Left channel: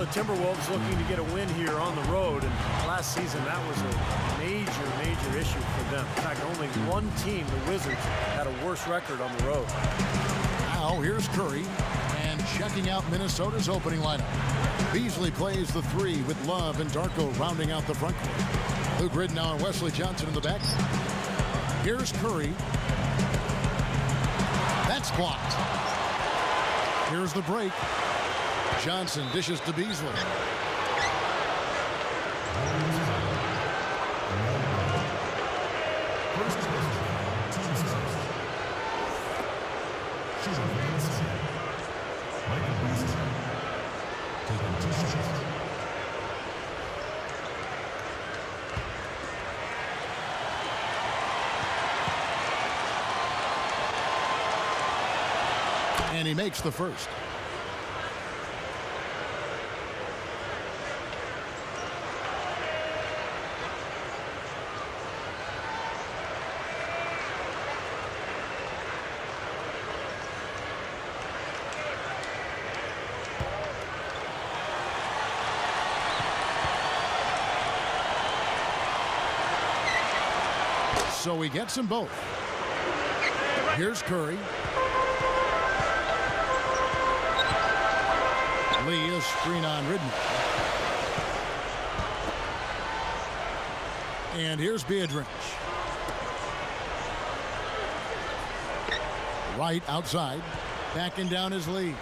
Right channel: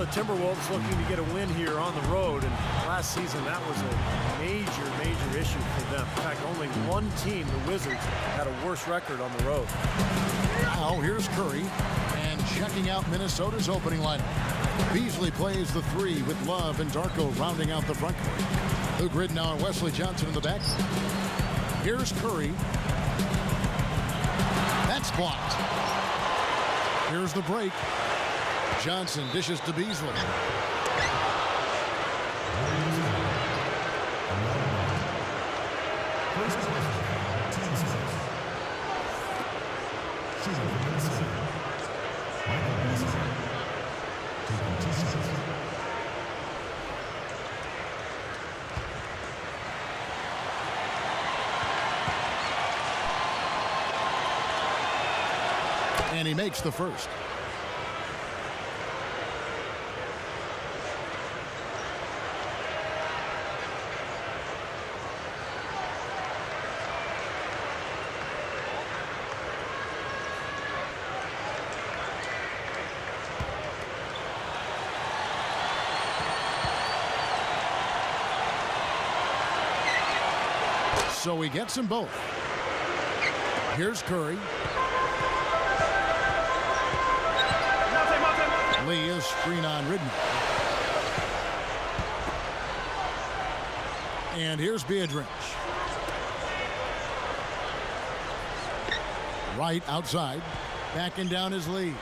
The Timberwolves looking to get a win here on the road, and last season that was a major issue for them. In fact, only one team, the Wizards, had a worse record on the road. Now here's Curry, and checking out Minnesota's opening lineup. Beasley plays the three with Love and Darko rounding out the front court. Luke Ridnour and Wesley Johnson in the back. Here's Curry. That's blocked. Here's the break. Johnson dishes to Beasley. First person team's first. Shooting for Minnesota. Michael Beasley. Taking 2 shots. And he makes the first. So he gets them both. Here's Curry. Lee is screen on Ridnour. And here's Beatrice. Right outside. Backing down his Lee.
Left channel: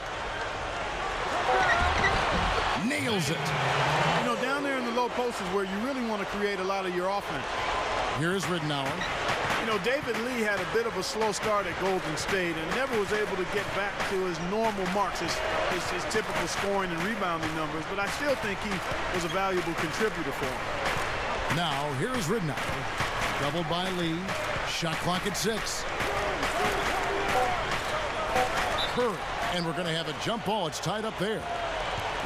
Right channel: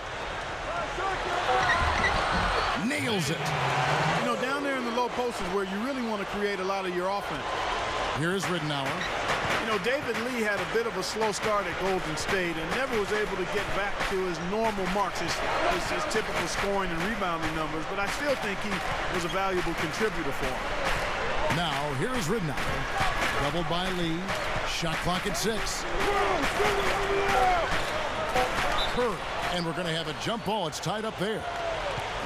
Nails it. You know, down there in the low post is where you really want to create a lot of your offense. Here's Ridnour. You know, David Lee had a bit of a slow start at Golden State and never was able to get back to his normal marks, his typical scoring and rebounding numbers, but I still think he was a valuable contributor for him. Now, here's Ridnour. Doubled by Lee. Shot clock at 6. Curry. And we're going to have a jump ball. It's tied up there.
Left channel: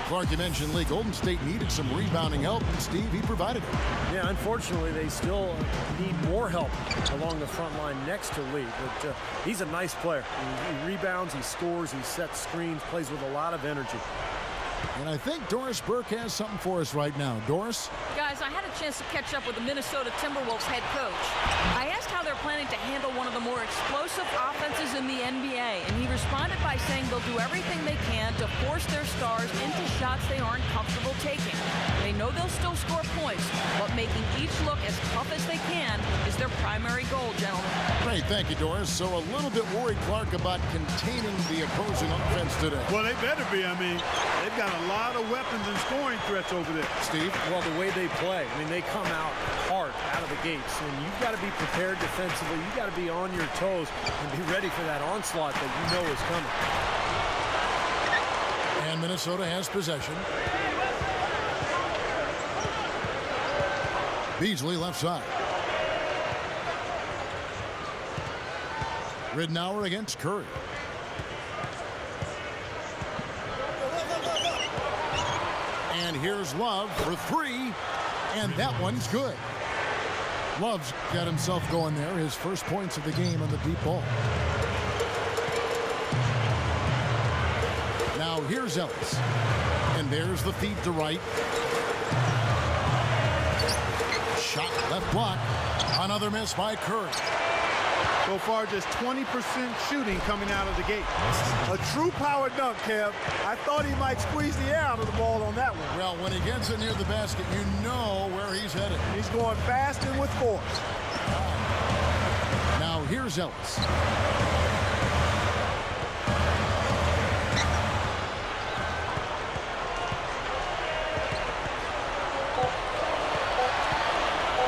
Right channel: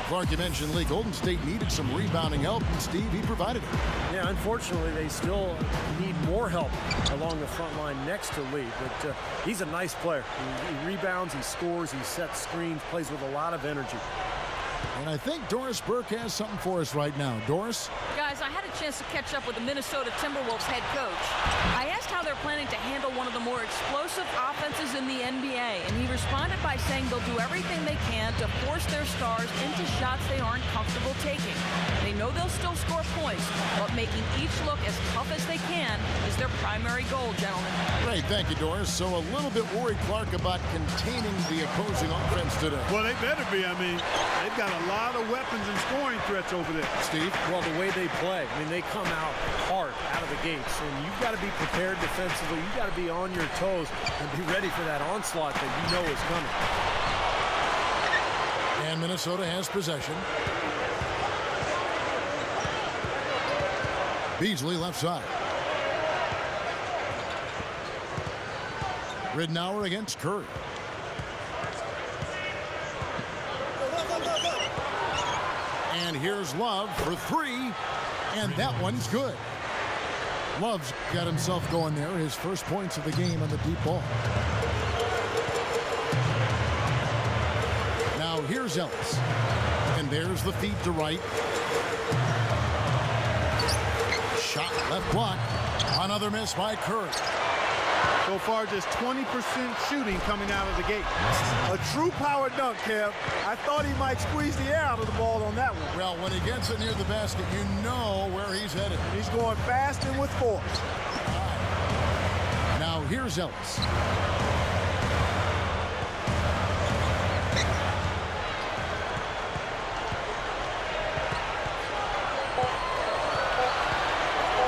Clark, you mentioned Lee. Golden State needed some rebounding help, and Steve, he provided it. Yeah, unfortunately, they still need more help along the front line next to Lee, but he's a nice player. He rebounds, he scores, he sets screens, plays with a lot of energy. And I think Doris Burke has something for us right now. Doris? Guys, I had a chance to catch up with the Minnesota Timberwolves head coach. I asked how they're planning to handle one of the more explosive offenses in the NBA, and he responded by saying they'll do everything they can to force their stars into shots they aren't comfortable taking. They know they'll still score points, but making each look as tough as they can is their primary goal, gentlemen. Great, thank you, Doris. So a little bit worried, Clark, about containing the opposing offense today. Well, they better be. I mean, they've got a lot of weapons and scoring threats over there. Steve? Well, the way they play, I mean, they come out hard out of the gates, and you've got to be prepared defensively. You've got to be on your toes and be ready for that onslaught that you know is coming. And Minnesota has possession. Beasley left side. Ridnour against Curry. And here's Love for 3. And that one's good. Love's got himself going there. His first points of the game on the deep ball. Now here's Ellis. And there's the feed to right. Shot left block. Another miss by Curry. So far, just 20% shooting coming out of the gate. A true power dunk, Kev. I thought he might squeeze the air out of the ball on that one. Well, when he gets it near the basket, you know where he's headed. And he's going fast and with force. Now here's Ellis.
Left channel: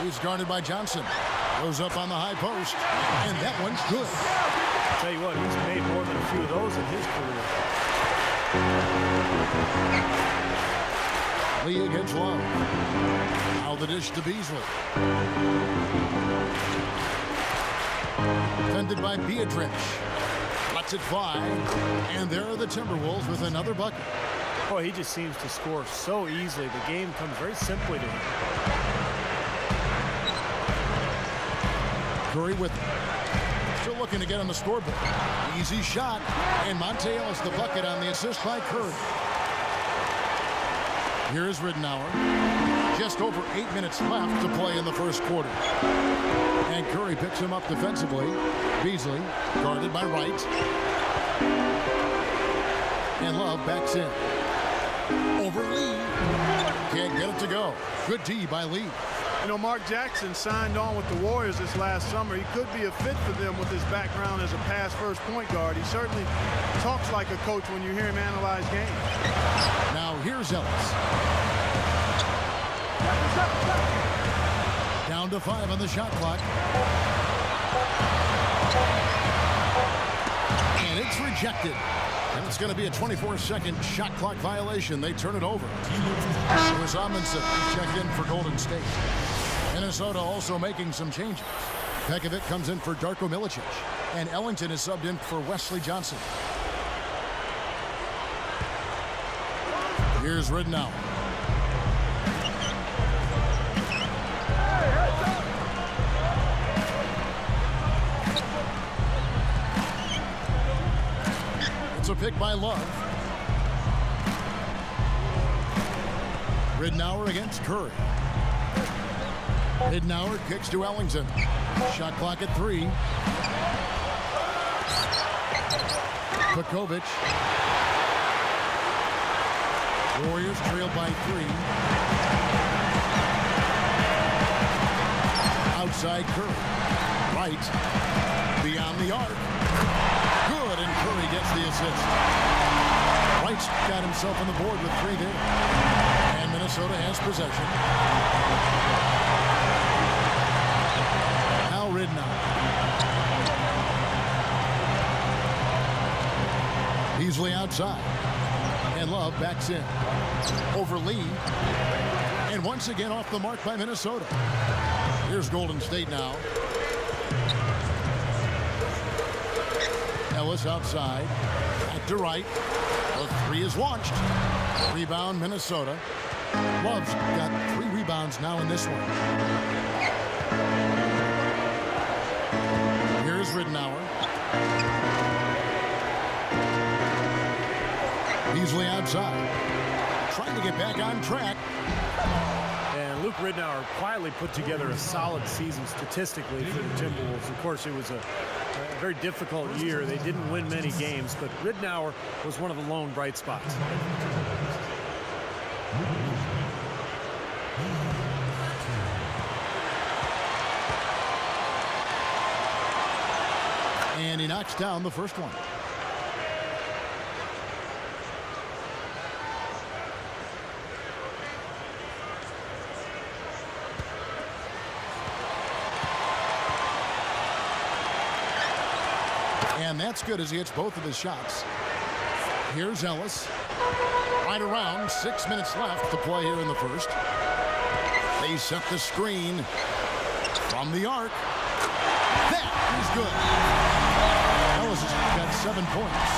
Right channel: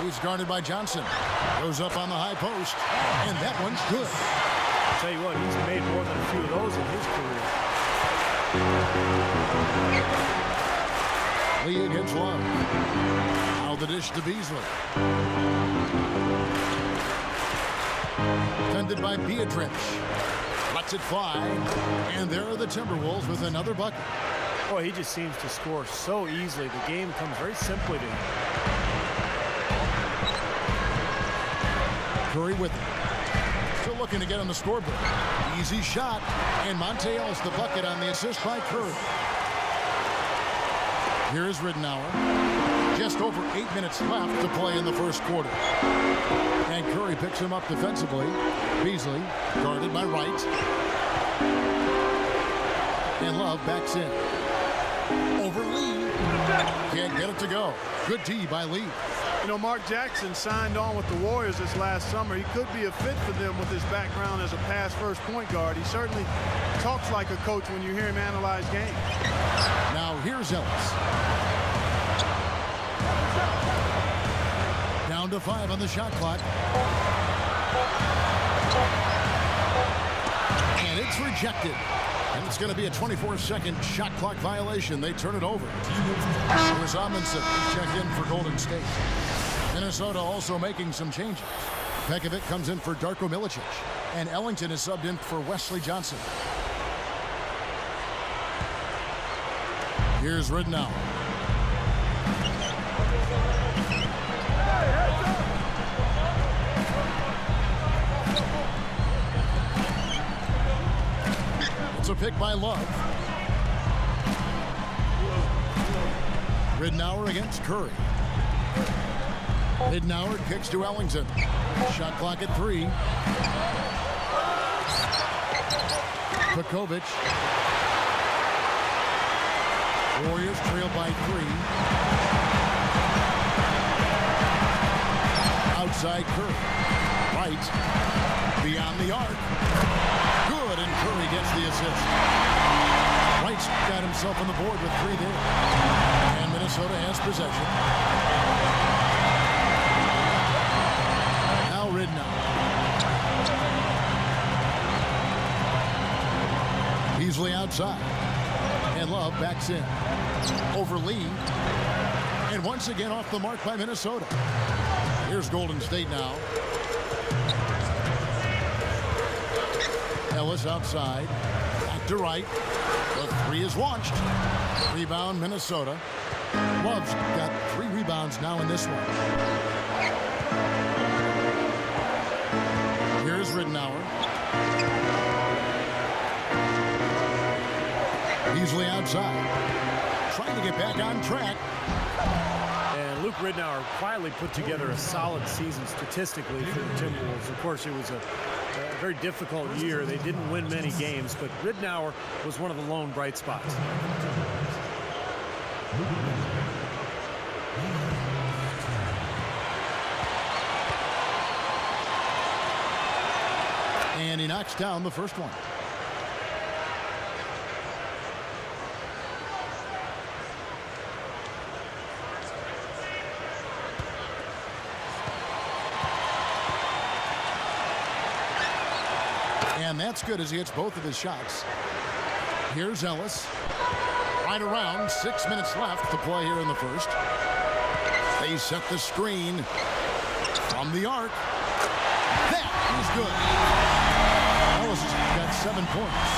He's guarded by Johnson. Goes up on the high post, and that one's good. I'll tell you what, he's made more than a few of those in his career. Lee against Love. Now the dish to Beasley. Defended by Beatrice. Lets it fly, and there are the Timberwolves with another bucket. Boy, he just seems to score so easily. The game comes very simply to him. Curry with it. Still looking to get on the scoreboard. Easy shot. And Monte Ellis the bucket on the assist by Curry. Here is Ridenour. Just over 8 minutes left to play in the first quarter. And Curry picks him up defensively. Beasley guarded by Wright. And Love backs in. Over Lee. Can't get it to go. Good D by Lee. You know, Mark Jackson signed on with the Warriors this last summer. He could be a fit for them with his background as a pass-first point guard. He certainly talks like a coach when you hear him analyze games. Now here's Ellis. Down to 5 on the shot clock. And it's rejected. And it's going to be a 24-second shot clock violation. They turn it over. Here's Amundsen. He's checked in for Golden State. Minnesota also making some changes. Pekovic comes in for Darko Milicic. And Ellington is subbed in for Wesley Johnson. Here's Ridenour. It's a pick by Love. Ridenour against Curry. Ridenour kicks to Ellington. Shot clock at 3. Pekovic. Warriors trail by 3. Outside Curry. Right. Beyond the arc. Good, and Curry gets the assist. Wright's got himself on the board with 3 there. And Minnesota has possession. Now Ridenour. Beasley outside. And Love backs in. Over Lee. And once again off the mark by Minnesota. Here's Golden State now. Ellis outside. Back to Wright. The 3 is launched. Rebound Minnesota. Love's got 3 rebounds now in this one. Here's Ridenour. Beasley outside. Trying to get back on track. And Luke Ridenour quietly put together a solid season statistically for the Timberwolves. Of course, it was a very difficult year. They didn't win many games, but Ridenour was one of the lone bright spots. And he knocks down the first one. And that's good as he hits both of his shots. Here's Ellis. Right around 6 minutes left to play here in the first. They set the screen from the arc. That is good. Ellis has got 7 points.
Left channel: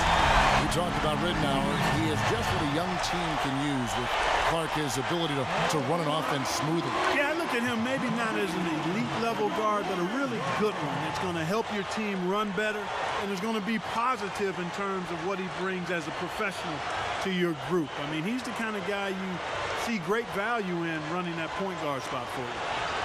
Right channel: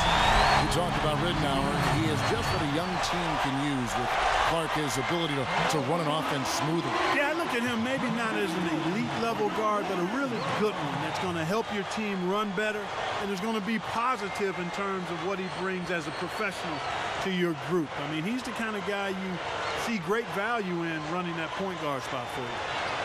We talked about Ridenour. He is just what a young team can use with Clark, his ability to run an offense smoothly. Yeah, I look at him maybe not as an elite level guard, but a really good one that's going to help your team run better, and is going to be positive in terms of what he brings as a professional to your group. I mean, he's the kind of guy you see great value in running that point guard spot for you.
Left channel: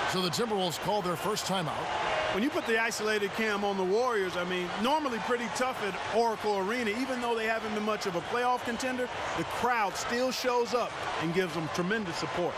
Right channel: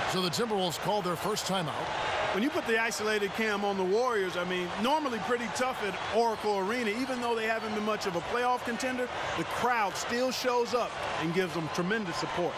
So the Timberwolves called their first timeout. When you put the isolated cam on the Warriors, I mean, normally pretty tough at Oracle Arena. Even though they haven't been much of a playoff contender, the crowd still shows up and gives them tremendous support.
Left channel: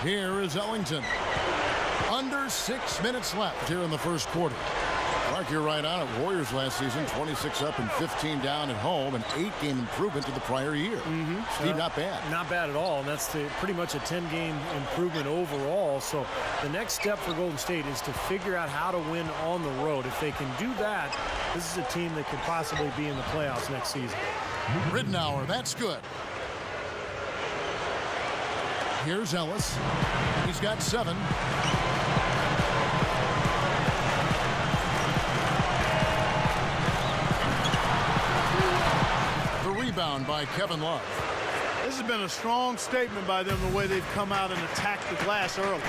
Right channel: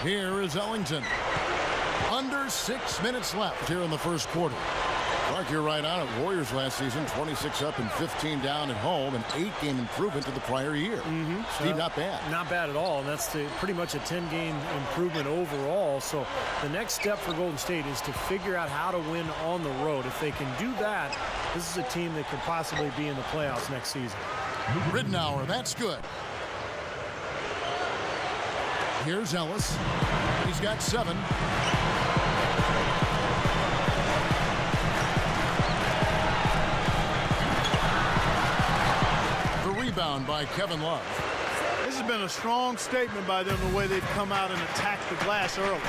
Here is Ellington. Under 6 minutes left here in the first quarter. Mark, you're right on it. Warriors last season, 26 up and 15 down at home, an 8-game improvement to the prior year. Steve, not bad. Not bad at all, and that's pretty much a 10-game improvement overall. So the next step for Golden State is to figure out how to win on the road. If they can do that, this is a team that could possibly be in the playoffs next season. Ridnour, that's good. Here's Ellis. He's got 7. The rebound by Kevin Love. This has been a strong statement by them, the way they've come out and attacked the glass early.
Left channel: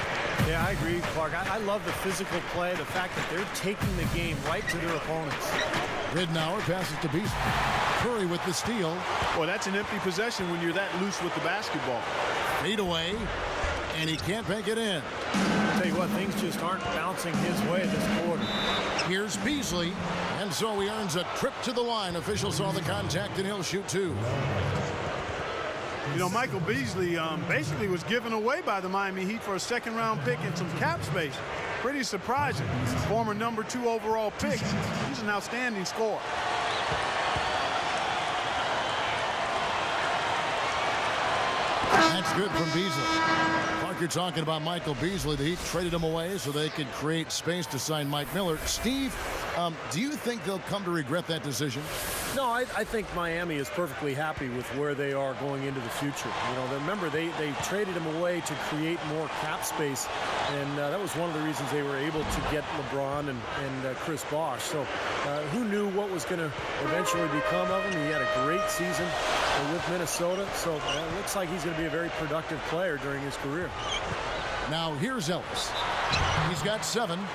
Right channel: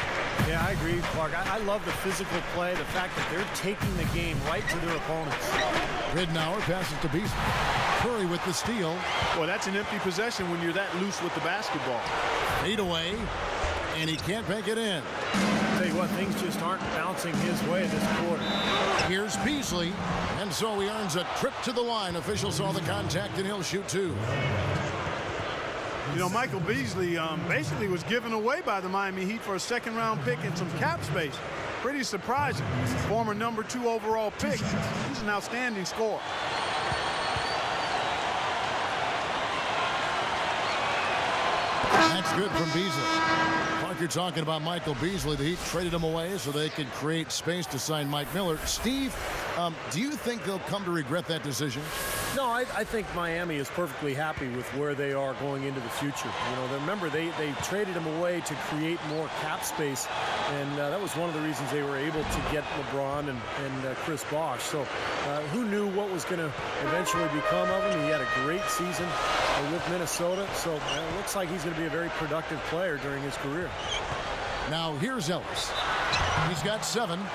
Yeah, I agree, Clark. I love the physical play, the fact that they're taking the game right to their opponents. Ridnour passes to Beasley. Curry with the steal. Boy, that's an empty possession when you're that loose with the basketball. Fade away, and he can't bank it in. Tell you what, things just aren't bouncing his way this quarter. Here's Beasley, and so he earns a trip to the line. Official saw the contact, and he'll shoot 2. You know, Michael Beasley basically was given away by the Miami Heat for a second-round pick and some cap space. Pretty surprising. Former number 2 overall pick. He's an outstanding scorer. That's good from Beasley. Clark, you're talking about Michael Beasley. The Heat traded him away so they could create space to sign Mike Miller. Steve, do you think they'll come to regret that decision? No, I think Miami is perfectly happy with where they are going into the future. You know, remember, they traded him away to create more cap space, and that was one of the reasons they were able to get LeBron and Chris Bosh. So who knew what was going to eventually become of him? He had a great season with Minnesota, so it looks like he's going to be a very productive player during his career. Now here's Ellis. He's got 7.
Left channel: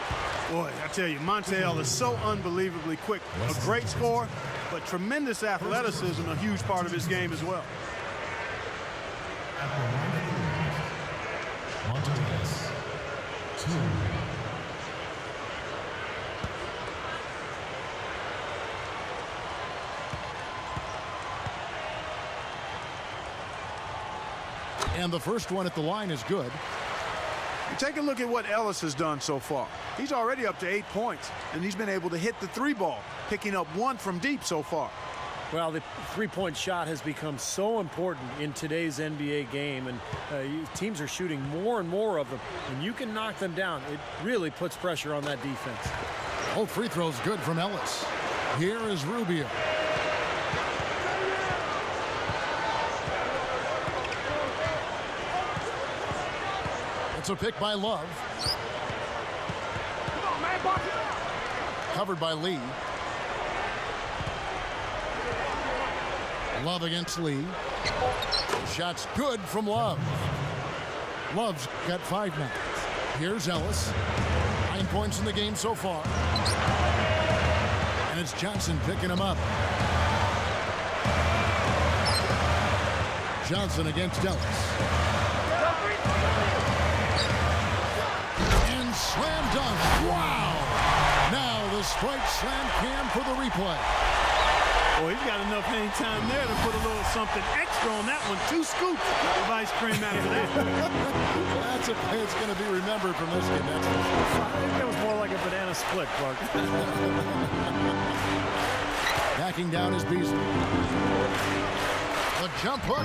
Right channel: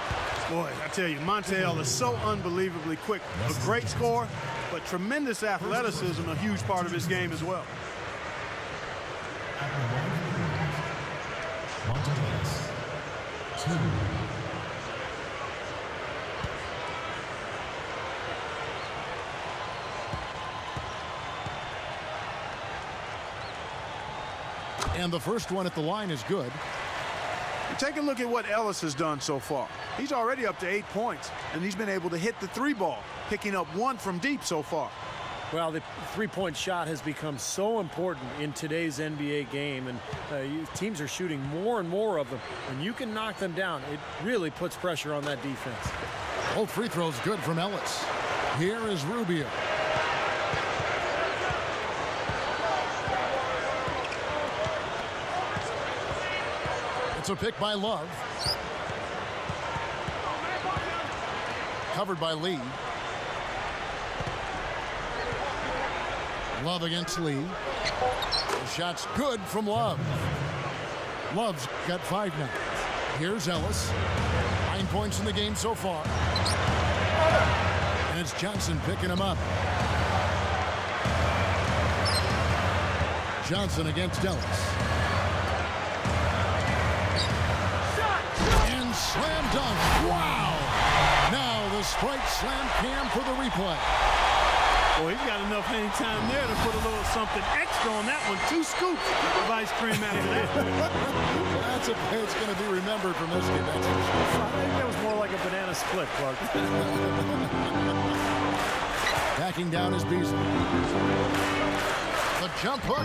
Boy, I tell you, Monte Ellis is so unbelievably quick. A great scorer, but tremendous athleticism, a huge part of his game as well. At the line for the Warriors, Monte Ellis, 2. And the first one at the line is good. You take a look at what Ellis has done so far. He's already up to 8 points, and he's been able to hit the 3-ball, picking up 1 from deep so far. Well, the three-point shot has become so important in today's NBA game, and teams are shooting more and more of them. When you can knock them down, it really puts pressure on that defense. Both free throws good from Ellis. Here is Rubio. It's a pick by Love. Covered by Lee. Love against Lee. The shot's good from Love. Love's got 5 now. Here's Ellis. 9 points in the game so far. And it's Johnson picking him up. Johnson against Ellis. And slam dunk. Wow! Now the Sprite slam cam for the replay. Well, he's got enough hang time there to put a little something extra on that one. 2 scoops of ice cream after that. Well, that's a play that's going to be remembered from this game, that's for sure. I think that was more like a banana split, Clark. Backing down is Beasley. The jump hook,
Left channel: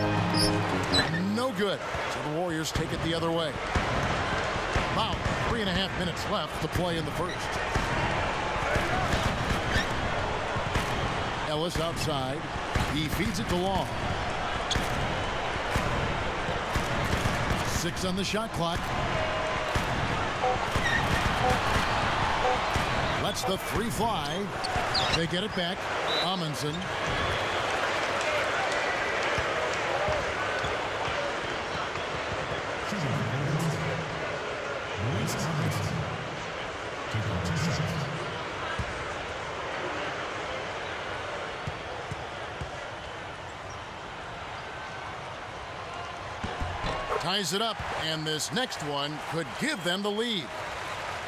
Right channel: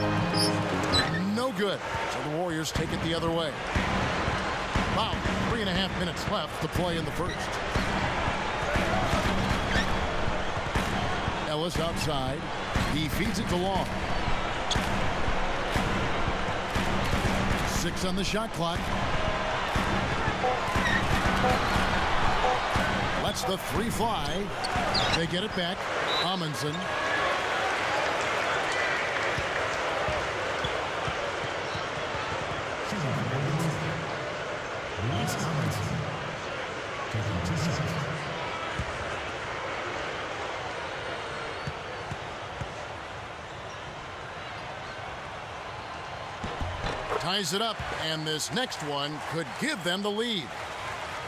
no good. So the Warriors take it the other way. About 3.5 minutes left to play in the first. Ellis outside. He feeds it to Long. 6 on the shot clock. Lets the 3 fly. They get it back. Amundsen. Shooting from Golden State, Luis Amundsen, taking 2 shots. Ties it up, and this next one could give them the lead.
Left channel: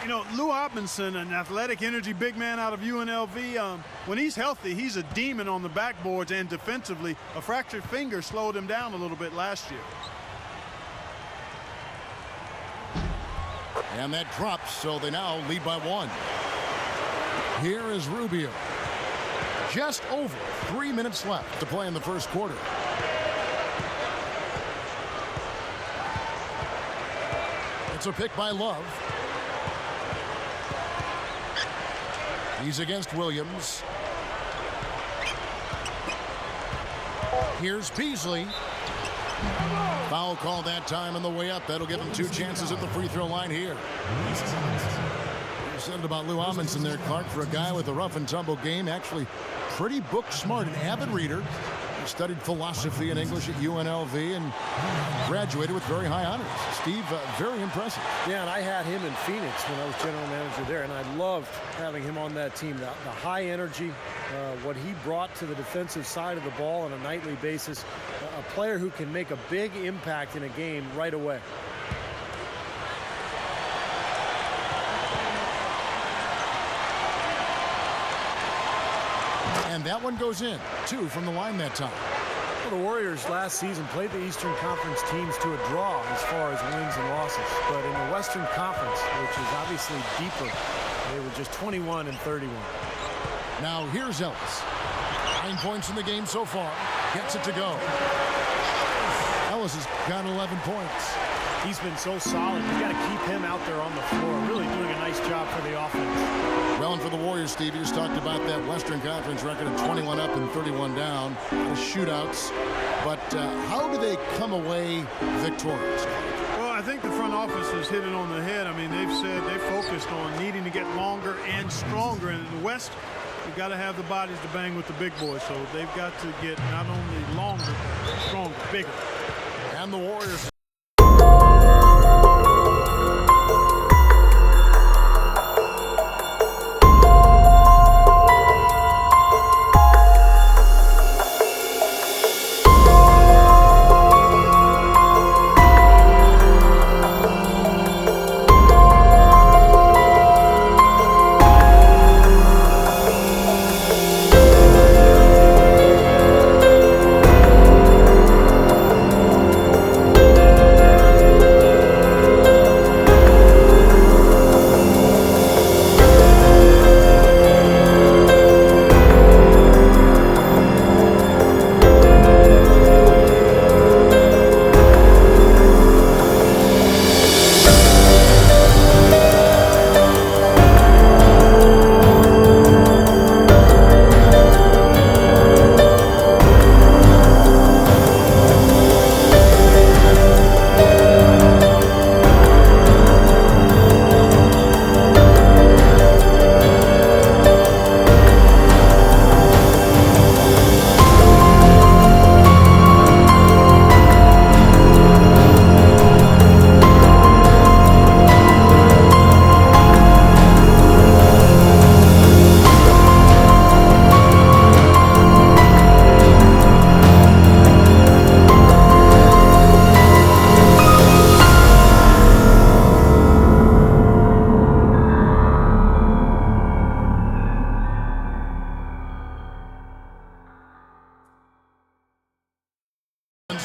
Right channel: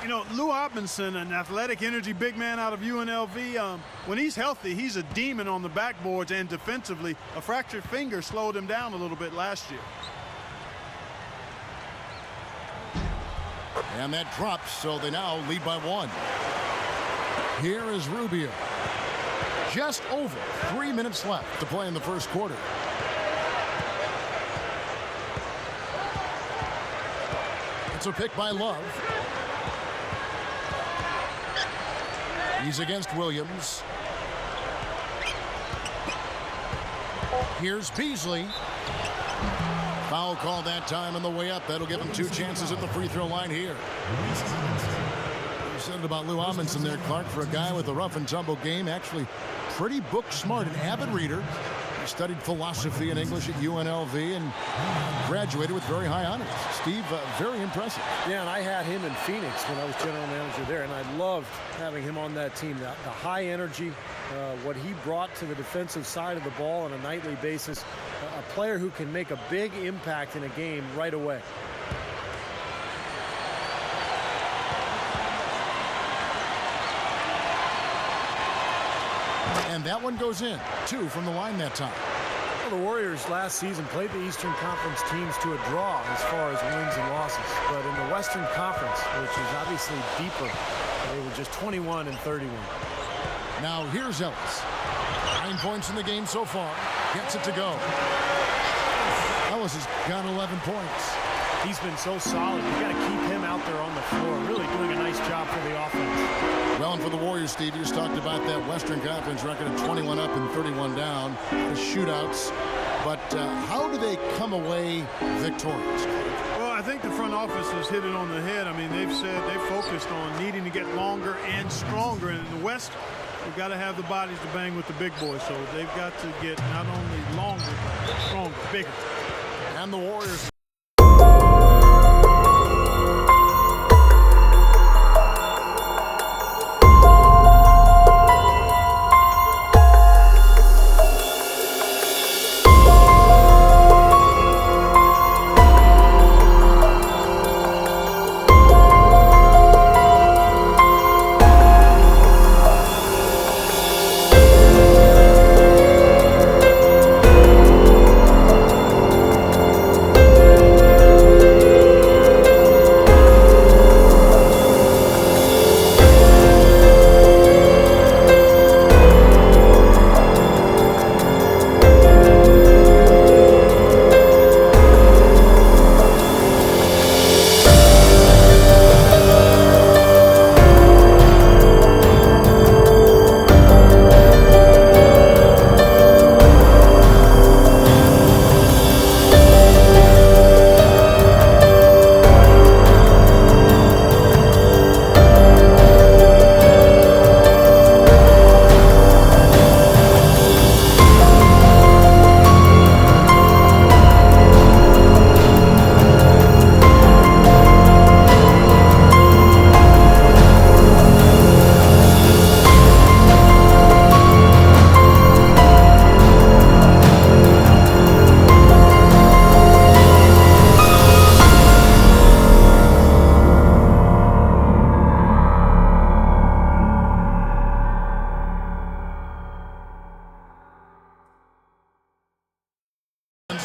You know, Lou Amundsen, an athletic energy big man out of UNLV, when he's healthy, he's a demon on the backboards and defensively. A fractured finger slowed him down a little bit last year. And that drops, so they now lead by 1. Here is Rubio. Just over 3 minutes left to play in the first quarter. It's a pick by Love. He's against Williams. Here's Beasley. Foul called that time on the way up. That'll give him 2 chances at the free throw line here. You said it about Lou Amundsen there, Clark, for a guy with a rough and tumble game. Actually, pretty book smart, an avid reader. He studied philosophy and English at UNLV and graduated with very high honors. Steve, very impressive. Yeah, and I had him in Phoenix when I was general manager there, and I loved having him on that team. The high energy, what he brought to the defensive side of the ball on a nightly basis, a player who can make a big impact in a game right away. And that one goes in. 2 from the line that time. Well, the Warriors last season played the Eastern Conference teams to a draw as far as wins and losses. But in the Western Conference, which is obviously deeper, they were just 21-31. Now here's Ellis. 9 points in the game so far. Gets it to go. Ellis has got 11 points. He's been so solid. You've got to keep him out there on the floor, really doing a nice job for the offense. Well, and for the Warriors, Steve, you just talked about that Western Conference record of 21 up and 31 down. A lot of shootouts. But how do they come away victorious? Well, I think the front office has hit it on the head. I mean, they've said they focused on needing to get longer and stronger. And in the West, you've got to have the bodies to bang with the big boys. So they've got to get not only longer, but stronger, bigger. And the Warriors.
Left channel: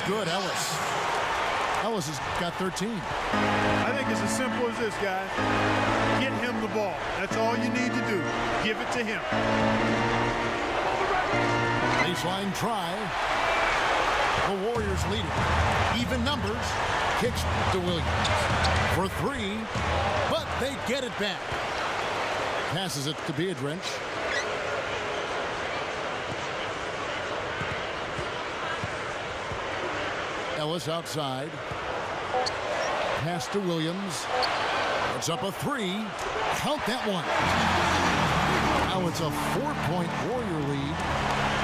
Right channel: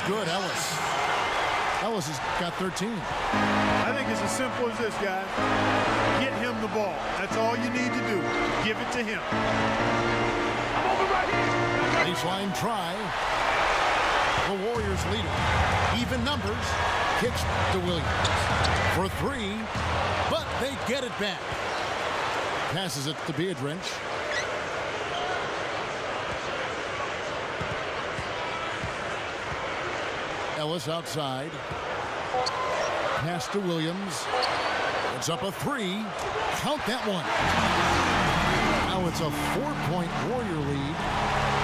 Good, Ellis. Ellis has got 13. I think it's as simple as this, guys. Get him the ball. That's all you need to do. Give it to him. I'm over right here. Baseline try. The Warriors leading. Even numbers. Kicks to Williams for 3, but they get it back. Passes it to Beardrench. Ellis outside. Pass to Williams. It's up a 3. Count that one. Now it's a 4-point Warrior lead.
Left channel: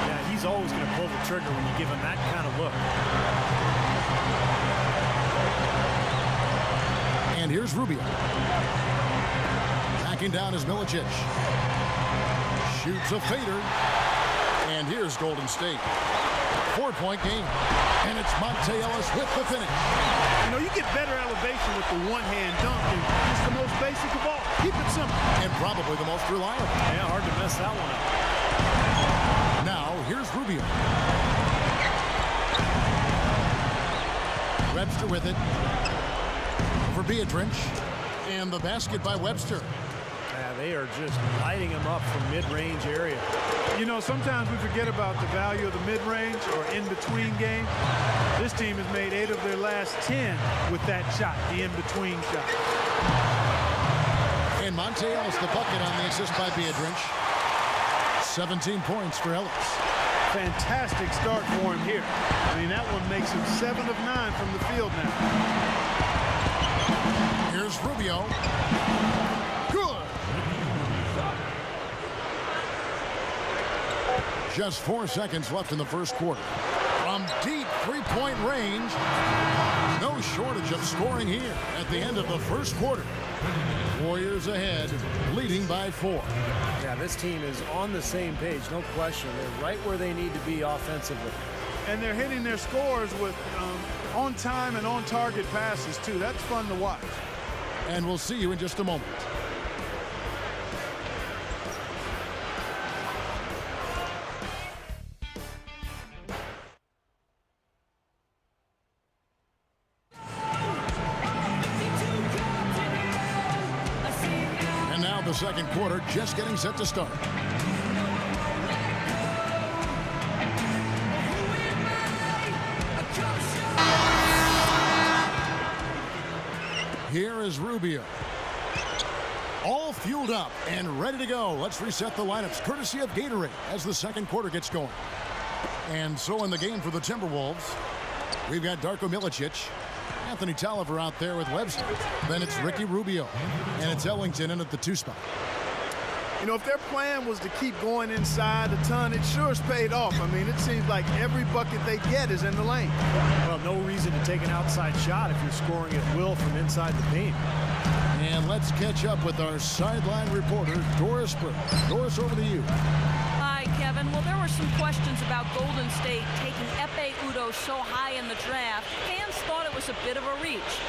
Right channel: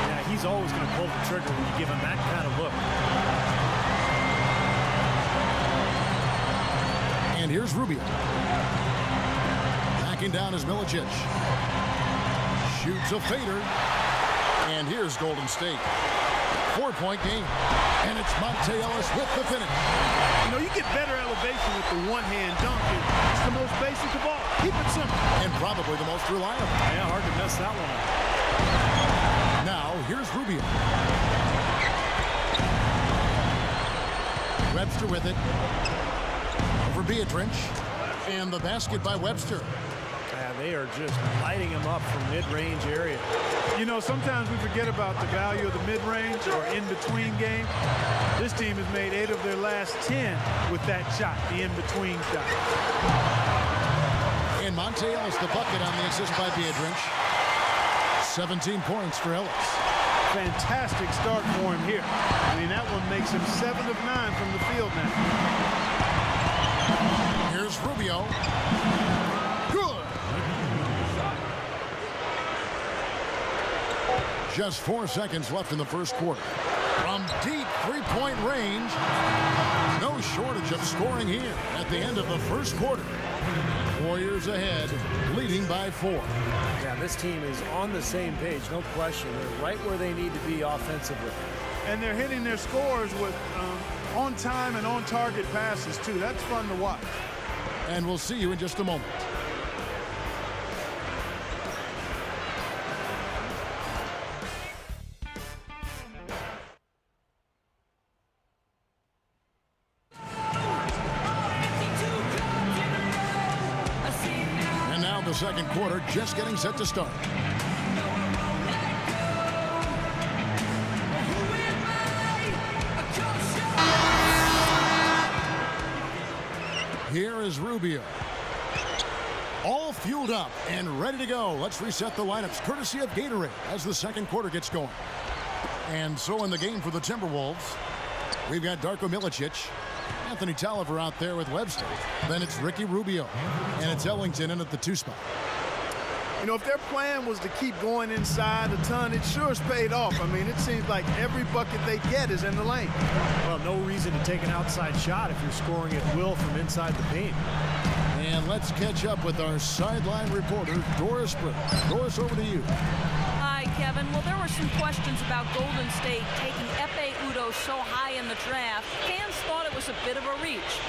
Yeah, he's always going to pull the trigger when you give him that kind of look. And here's Rubio. Backing down is Milicic. Shoots a fader. And here's Golden State. 4-point game. And it's Monte Ellis with the finish. You know, you get better elevation with the one-hand dunk, and it's the most basic of all. Keep it simple. And probably the most reliable. Yeah, hard to mess that one up. Now, here's Rubio. Webster with it. Over Beardrench. And the basket by Webster. They are just lighting him up from mid-range area. You know, sometimes we forget about the value of the mid-range or in-between game. This team has made 8 of their last 10 with that shot, the in-between shot. And Monte Ellis the bucket on the assist by Biedrins. 17 points for Ellis. Fantastic start for him here. I mean, that one makes him 7 of 9 from the field now. Here's Rubio. Good. Just 4 seconds left in the first quarter. From deep three-point range, no shortage of scoring here at the end of the first quarter. Warriors ahead, leading by 4. Yeah, this team is on the same page, no question. They're right where they need to be offensively. And they're hitting their scores with on-time and on-target passes, too. That's fun to watch. And we'll see you in just a moment. And now the second quarter just getting set to start. Here is Rubio. All fueled up and ready to go. Let's reset the lineups courtesy of Gatorade as the second quarter gets going. And so in the game for the Timberwolves, we've got Darko Milicic, Anthony Tolliver out there with Webster. Then it's Ricky Rubio, and it's Ellington in at the 2 spot. You know, if their plan was to keep going inside a ton, it sure has paid off. I mean, it seems like every bucket they get is in the lane. Well, no reason to take an outside shot if you're scoring at will from inside the paint. And let's catch up with our sideline reporter, Doris Burke. Doris, over to you. Hi, Kevin. Well, there were some questions about Golden State taking Ekpe Udoh so high in the draft. Fans thought it was a bit of a reach.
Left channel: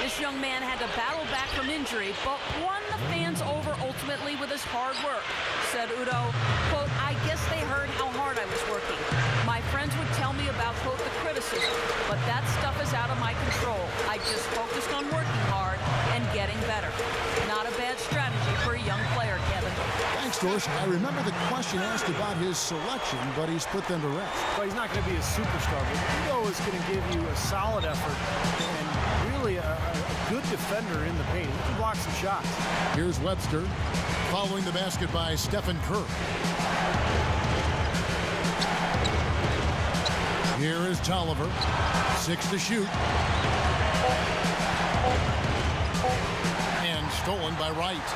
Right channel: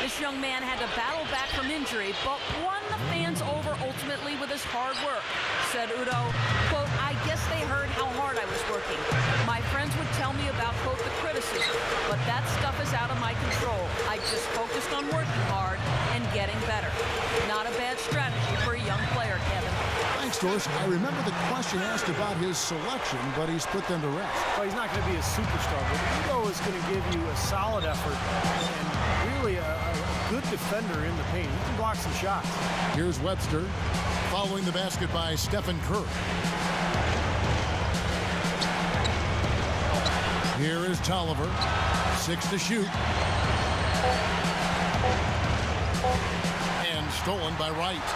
This young man had to battle back from injury, but won the fans over ultimately with his hard work. Said Udoh, quote, I guess they heard how hard I was working. My friends would tell me about, quote, the criticism, but that stuff is out of my control. I just focused on working hard and getting better. Not a bad strategy for a young player, Kevin. Thanks, Doris. I remember the question asked about his selection, but he's put them to rest. Well, he's not going to be a superstar, but Udoh is going to give you a solid effort and really a good defender in the paint. He can block some shots. Here's Webster, following the basket by Stephen Curry. Here is Tolliver, 6 to shoot. And stolen by Wright.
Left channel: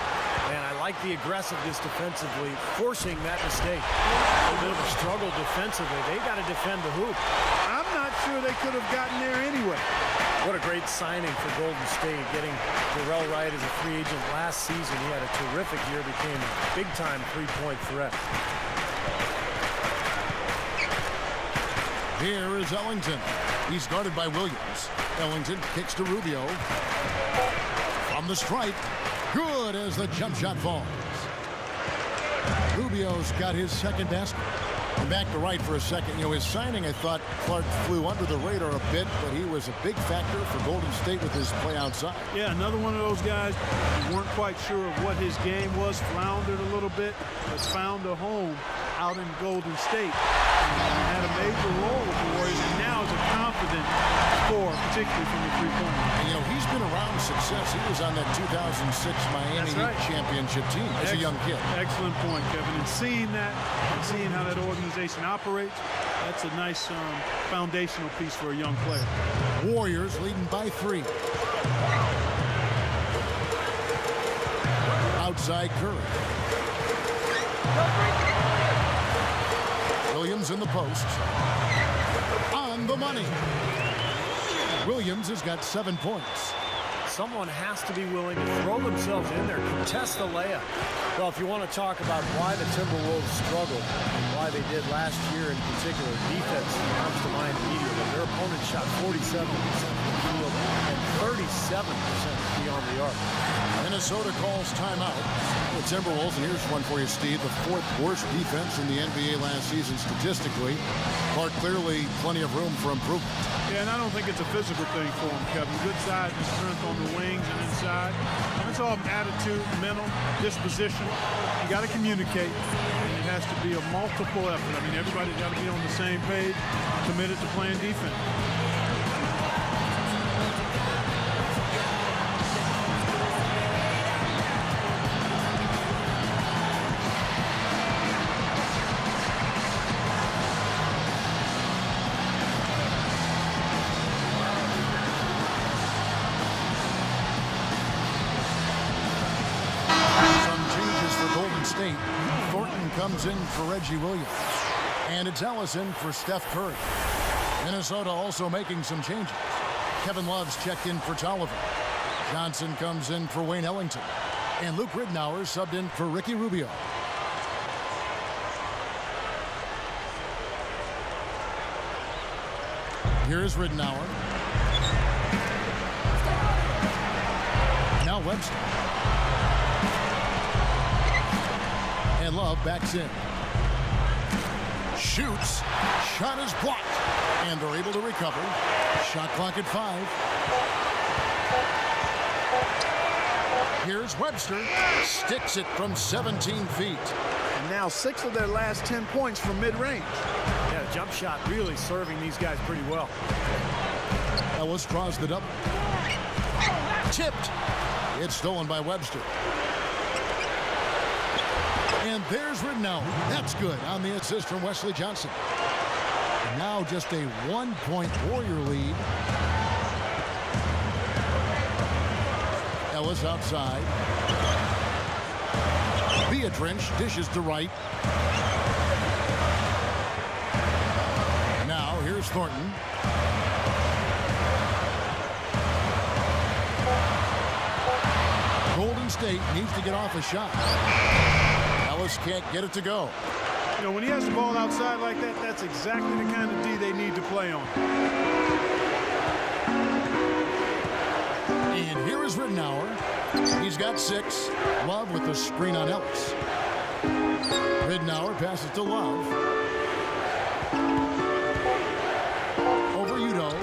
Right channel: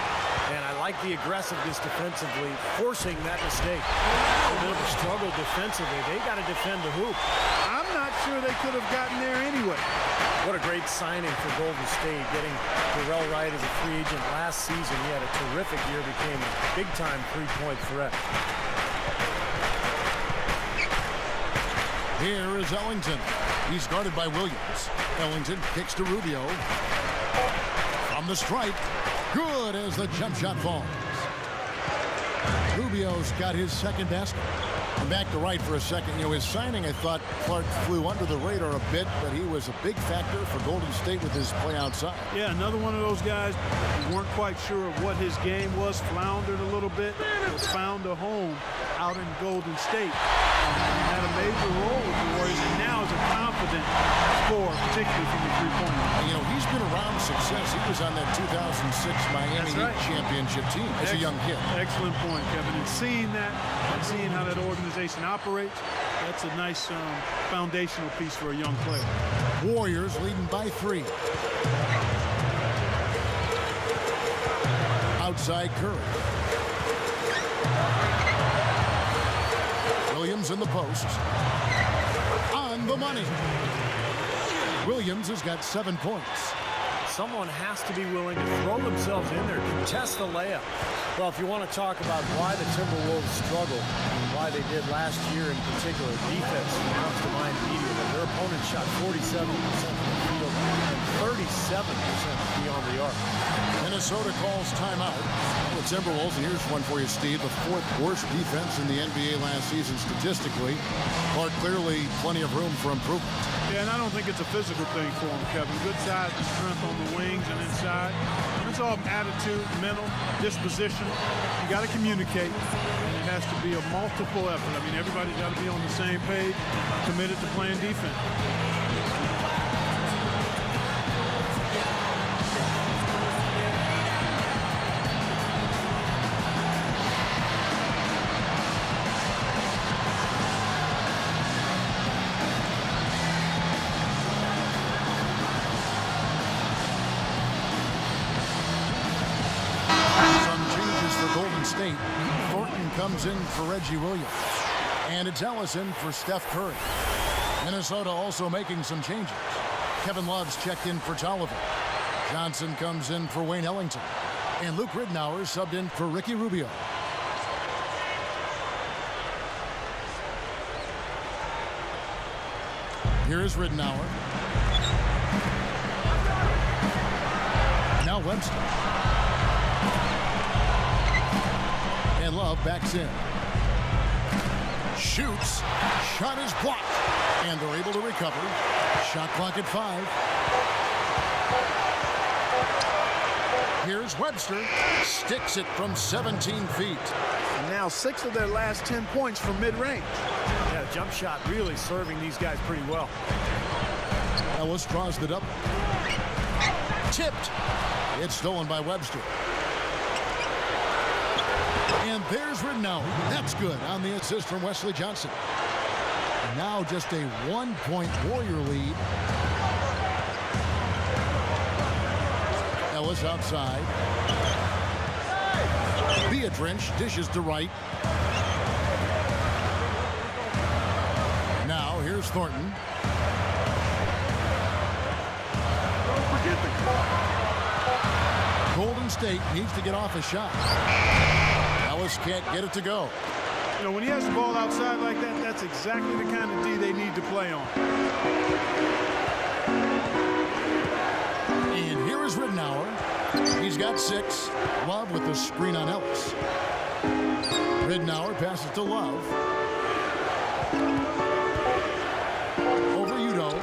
And I like the aggressiveness defensively, forcing that mistake. A little bit of a struggle defensively. They got to defend the hoop. I'm not sure they could have gotten there anyway. What a great signing for Golden State, getting Darrell Wright as a free agent last season. He had a terrific year, became a big-time three-point threat. Here is Ellington. He's guarded by Williams. Ellington kicks to Rubio. From the stripe. Good as the jump shot falls. Rubio's got his second basket. And back to Wright for a second. You know, his signing, I thought Clark flew under the radar a bit, but he was a big factor for Golden State with his play outside. Yeah, another one of those guys who weren't quite sure of what his game was, floundered a little bit, but found a home out in Golden State. And had a major role with the Warriors, and now is a confident scorer, particularly from the three-point line. You know, he's been around success. He was on that 2006 Miami Heat championship team as a young kid. Excellent point, Kevin. And seeing that and seeing how that organization operates, that's a nice foundational piece for a young player. Warriors leading by 3. Outside Curry. Williams in the post. On the money. Williams has got 7 points. Someone has to be willing to throw themselves in there, contest the layup. Well, if you want to talk about why the Timberwolves struggled and why they did last year in particular, defense comes to mind immediately. Their opponent shot 47% from the field and 37% beyond the arc. Minnesota calls timeout. Well, the Timberwolves, and here's one for you, Steve, the 4th worst defense in the NBA last season statistically. But clearly plenty of room for improvement. Yeah, and I don't think it's a physical thing for him, Kevin. Good size and strength on the wings and inside. It's all attitude, mental, disposition. You got to communicate, and it has to be a multiple effort. I mean, everybody's got to be on the same page, committed to playing defense. State. Thornton comes in for Reggie Williams. And it's Ellison for Steph Curry. Minnesota also making some changes. Kevin Love's checked in for Tolliver. Johnson comes in for Wayne Ellington. And Luke Ridnour subbed in for Ricky Rubio. Here's Ridnour. Now Webster. And Love backs in. Shoots. Shot is blocked. And they're able to recover. Shot clock at 5. Here's Webster. Sticks it from 17 feet. And now 6 of their last 10 points from mid-range. Yeah, the jump shot really serving these guys pretty well. Ellis draws it up. Tipped. It's stolen by Webster. And there's Ridnour. That's good on the assist from Wesley Johnson. And now just a 1-point Warrior lead. Ellis outside. Beatrice dishes to right. Now here's Thornton. Golden State needs to get off a shot. Ellis can't get it to go. You know, when he has the ball outside like that, that's exactly the kind of D they need to play on. And here is Ridnour. He's got 6. Love with the screen on Ellis. Ridnour passes to Love. Over Udo.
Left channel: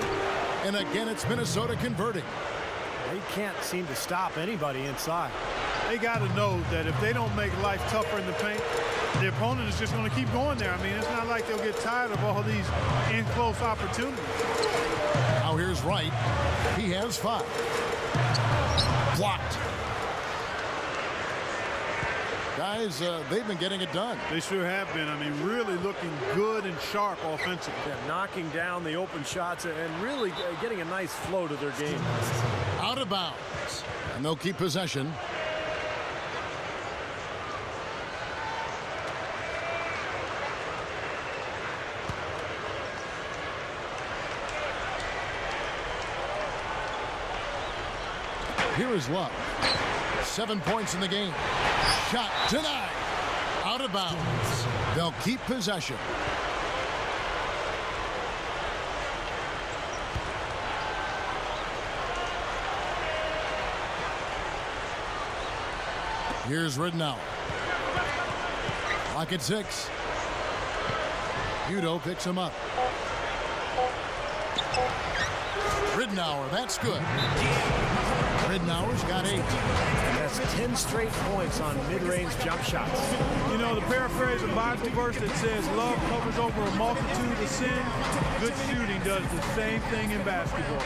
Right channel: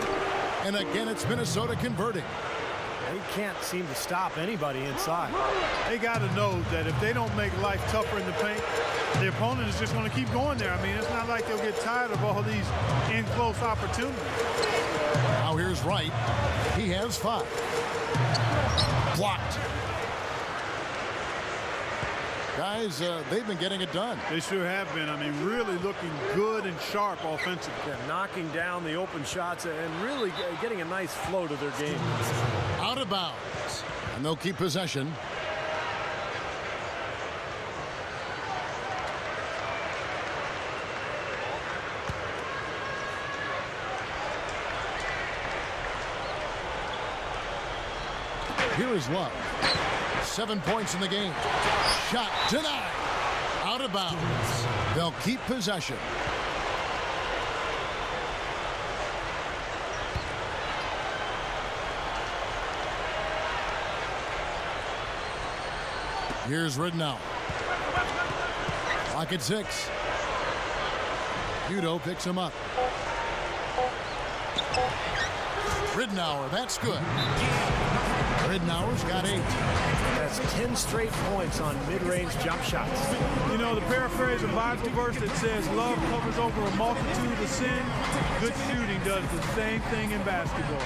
And again, it's Minnesota converting. They can't seem to stop anybody inside. They got to know that if they don't make life tougher in the paint, the opponent is just going to keep going there. I mean, it's not like they'll get tired of all these in-close opportunities. Now here's Wright. He has 5. Blocked. Guys, they've been getting it done. They sure have been. I mean, really looking good and sharp offensively. Yeah, knocking down the open shots and really getting a nice flow to their game. Out of bounds. And they'll keep possession. Here is Love. 7 points in the game. Shot denied. Out of bounds. They'll keep possession. Here's Ridnour. Clock at 6. Udo picks him up. Ridnour, that's good. Ridnour's got 8. That's 10 straight points on mid-range jump shots. You know, the paraphrase of Bible verse that says love covers over a multitude of sin. Good shooting does the same thing in basketball.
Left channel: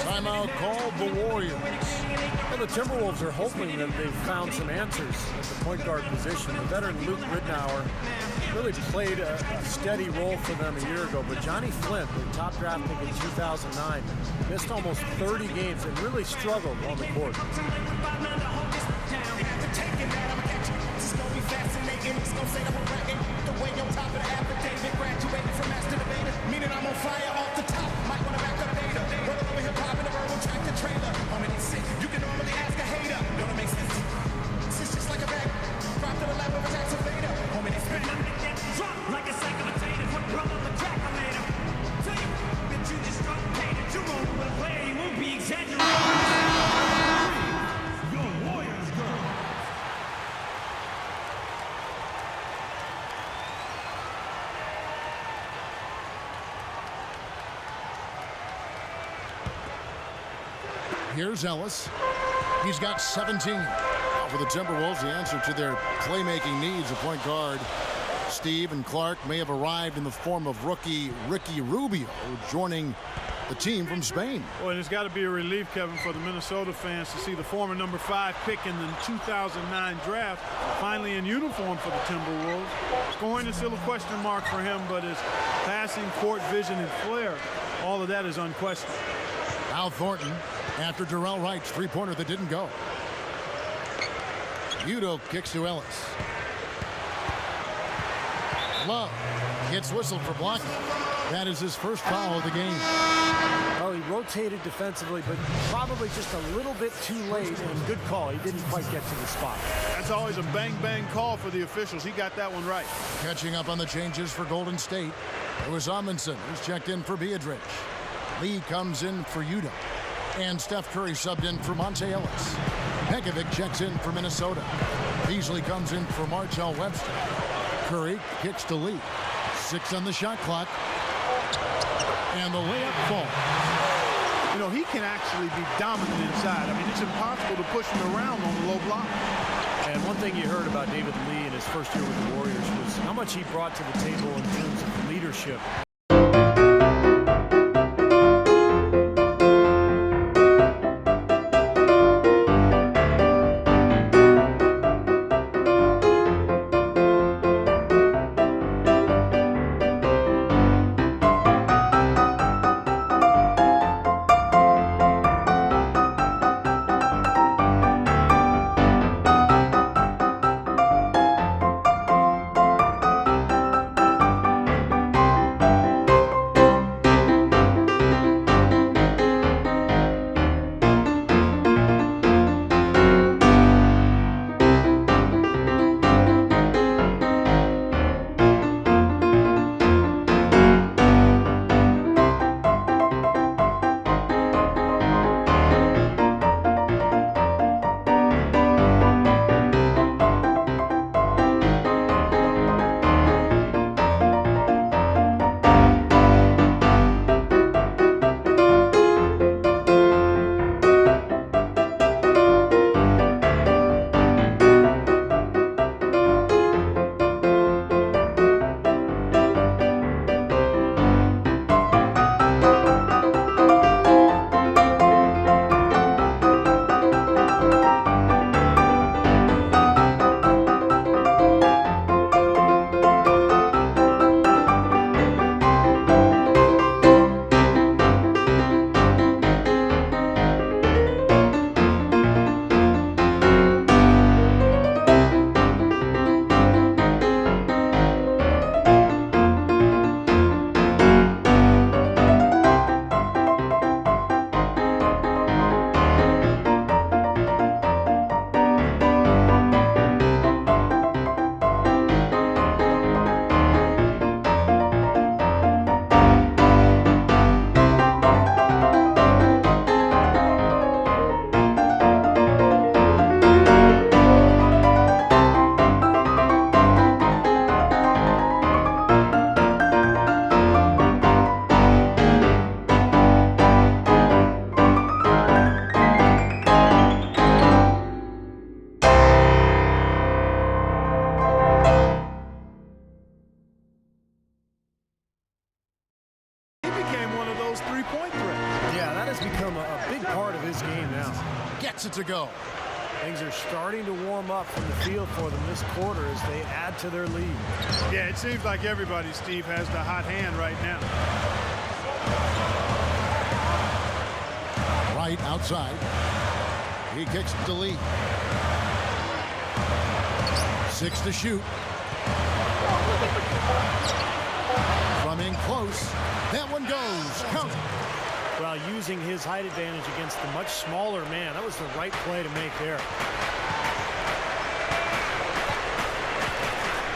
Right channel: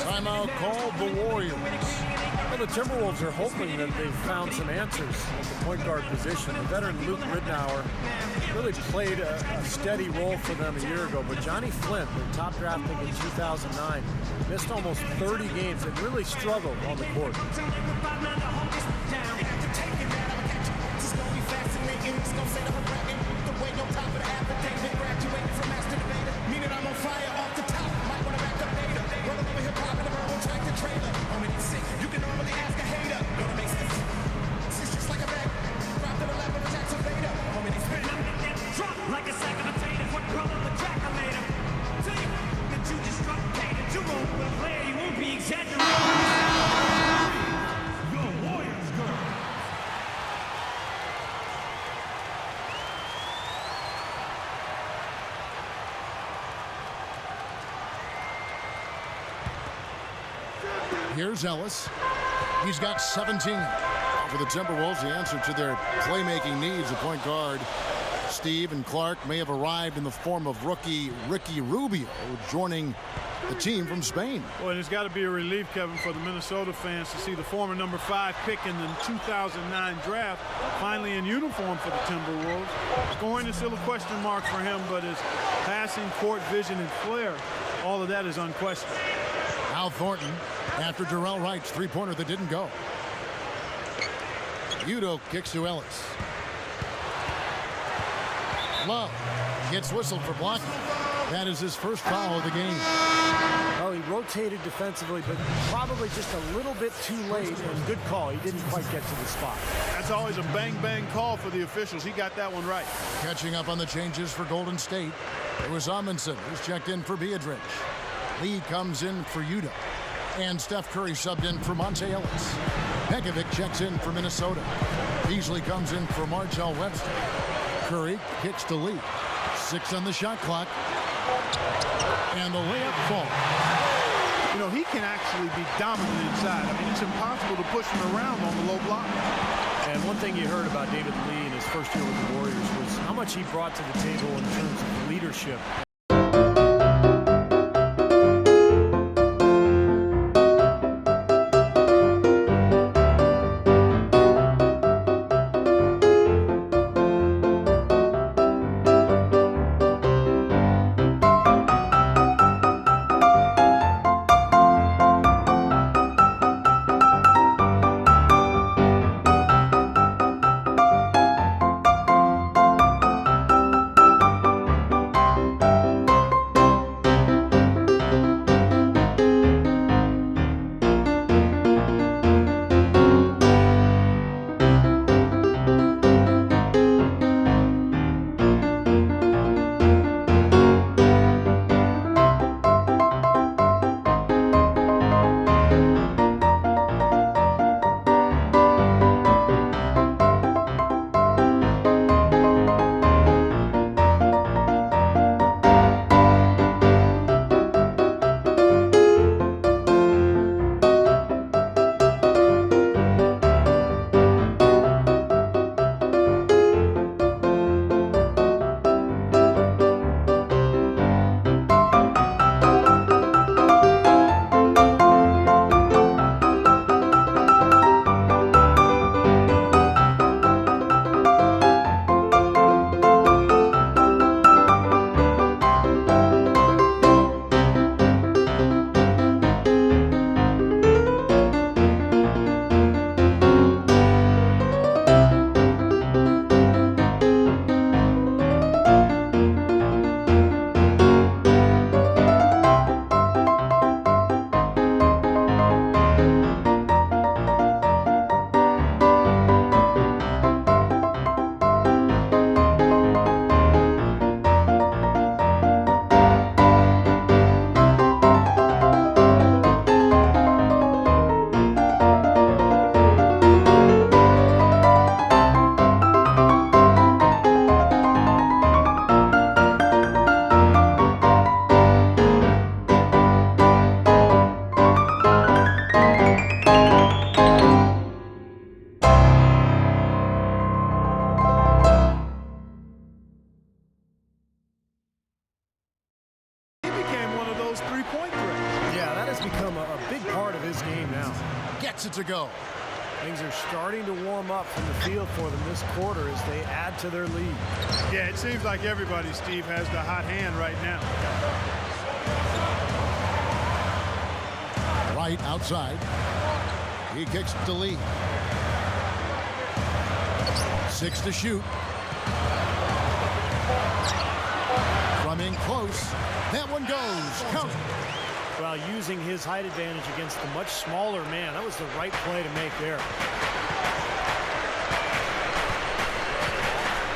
Timeout called the Warriors. Well, the Timberwolves are hoping that they've found some answers at the point guard position. The veteran Luke Ridnour really played a steady role for them a year ago, but Johnny Flint, their top draft pick in 2009, missed almost 30 games and really struggled on the court. I'm on fire off the top. Might want to back up data. Rolling over hip hop in a verbal tractor trailer. Homie, it's sick. You can normally ask a hater. Don't it make sense? It's just like a bag. Drop to the lap of a tax evader. Homie, they spin. Drop like a sack of potatoes. What brother the track I later? Tell you that you just struck paid. That you roll with a player. You won't be exaggerating. Your Warriors, girl. Here's Ellis. He's got 17. Now for the Timberwolves, the answer to their playmaking needs, a point guard. Steve and Clark may have arrived in the form of rookie Ricky Rubio, joining the team from Spain. Well, and it's got to be a relief, Kevin, for the Minnesota fans to see the former number 5 pick in the 2009 draft finally in uniform for the Timberwolves. Scoring is still a question mark for him, but his passing, court vision, and flair, all of that is unquestioned. Al Thornton after Darrell Wright's three-pointer that didn't go. Udo kicks to Ellis. Love gets whistled for blocking. That is his first foul of the game. Well, he rotated defensively, but probably just a little bit too late, and good call. He didn't quite get to the spot. That's always a bang-bang call for the officials. He got that one right. Catching up on the changes for Golden State, it was Amundsen who's checked in for Biedrich. Lee comes in for Udo. And Steph Curry subbed in for Monte Ellis. Pekovic checks in for Minnesota. Beasley comes in for Martell Webster. Curry kicks to Lee. 6 on the shot clock. And the layup falls. You know, he can actually be dominant inside. I mean, it's impossible to push him around on the low block. And one thing you heard about David Lee in his first year with the Warriors was how much he brought to the table in terms of leadership. Three-point threats. Yeah, that has become a big part of his game now. Gets it to go. Things are starting to warm up from the field for them this quarter as they add to their lead. Yeah, it seems like everybody, Steve, has the hot hand right now. Right outside. He kicks to Lee. 6 to shoot. From in close. That one goes. Count. Well, using his height advantage against the much smaller man, that was the right play to make there.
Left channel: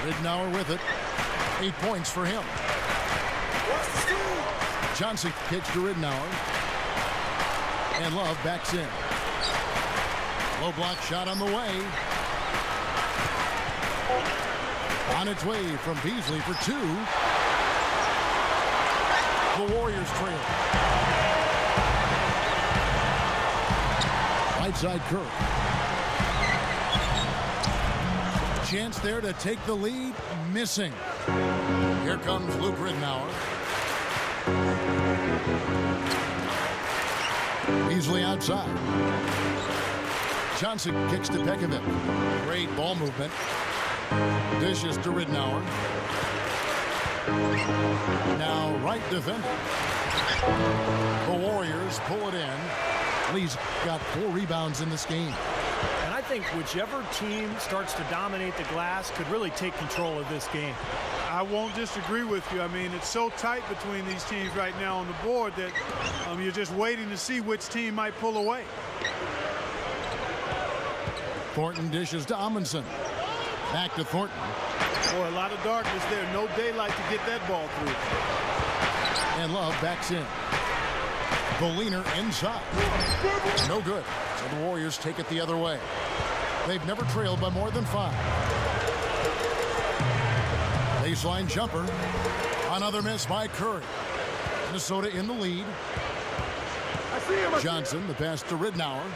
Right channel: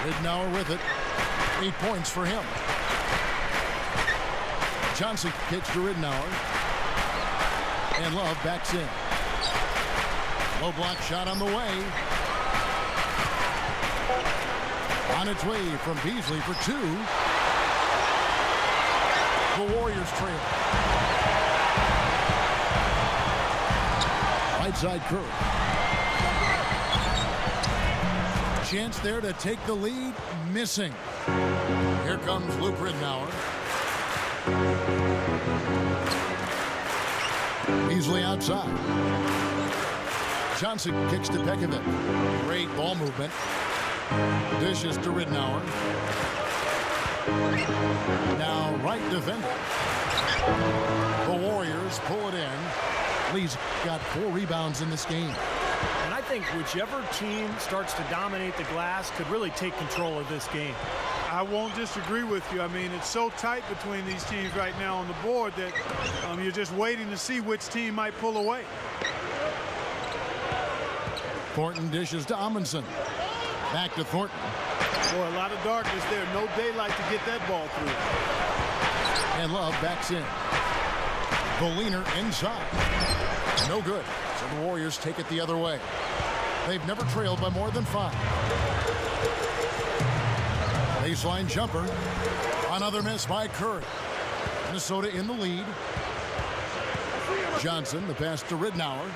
Ridnour with it. 8 points for him. Johnson kicks to Ridnour. And Love backs in. Low block shot on the way. On its way from Beasley for 2. The Warriors trail. Right side Curry. Chance there to take the lead. Missing. Here comes Luke Ridnour. Beasley outside. Johnson kicks to Pekovic. Great ball movement. Dishes to Ridnour. Now right defender. The Warriors pull it in. Lee's got 4 rebounds in this game. And I think whichever team starts to dominate the glass could really take control of this game. I won't disagree with you. I mean, it's so tight between these teams right now on the board that you're just waiting to see which team might pull away. Thornton dishes to Amundsen. Back to Thornton. Boy, a lot of darkness there. No daylight to get that ball through. And Love backs in. The leaner inside. No good. So the Warriors take it the other way. They've never trailed by more than 5. Baseline jumper. Another miss by Curry. Minnesota in the lead. Johnson, the pass to Ridnour.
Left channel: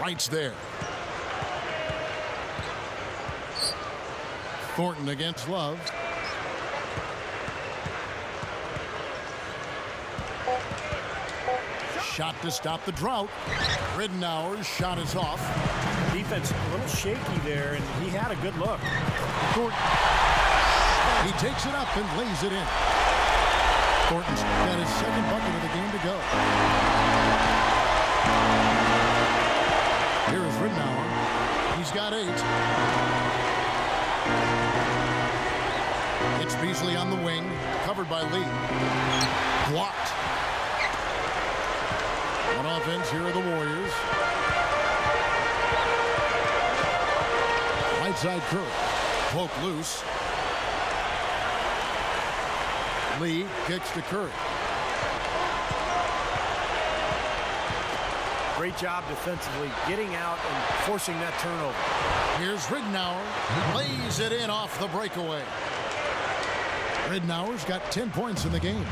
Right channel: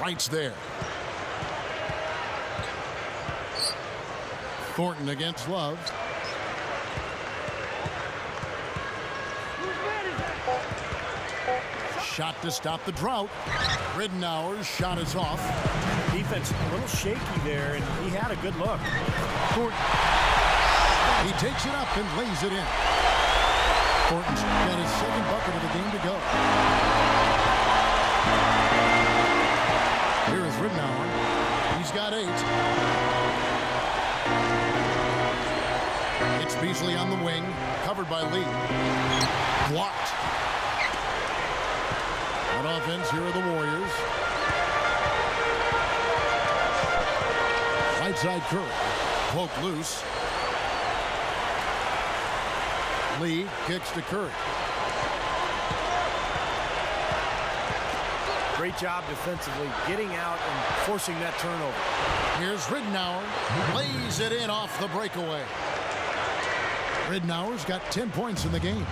Wright's there. Thornton against Love. Shot to stop the drought. Ridnour's shot is off. Defense a little shaky there, and he had a good look. Thornton. He takes it up and lays it in. Thornton's got his second bucket of the game to go. Here is Ridnour. He's got 8. It's Beasley on the wing, covered by Lee. Blocked. On offense, here are the Warriors. Right side Curry. Poke loose. Lee kicks to Curry. Great job defensively, getting out and forcing that turnover. Here's Ridnour. Lays it in off the breakaway. Ridnour's got 10 points in the game.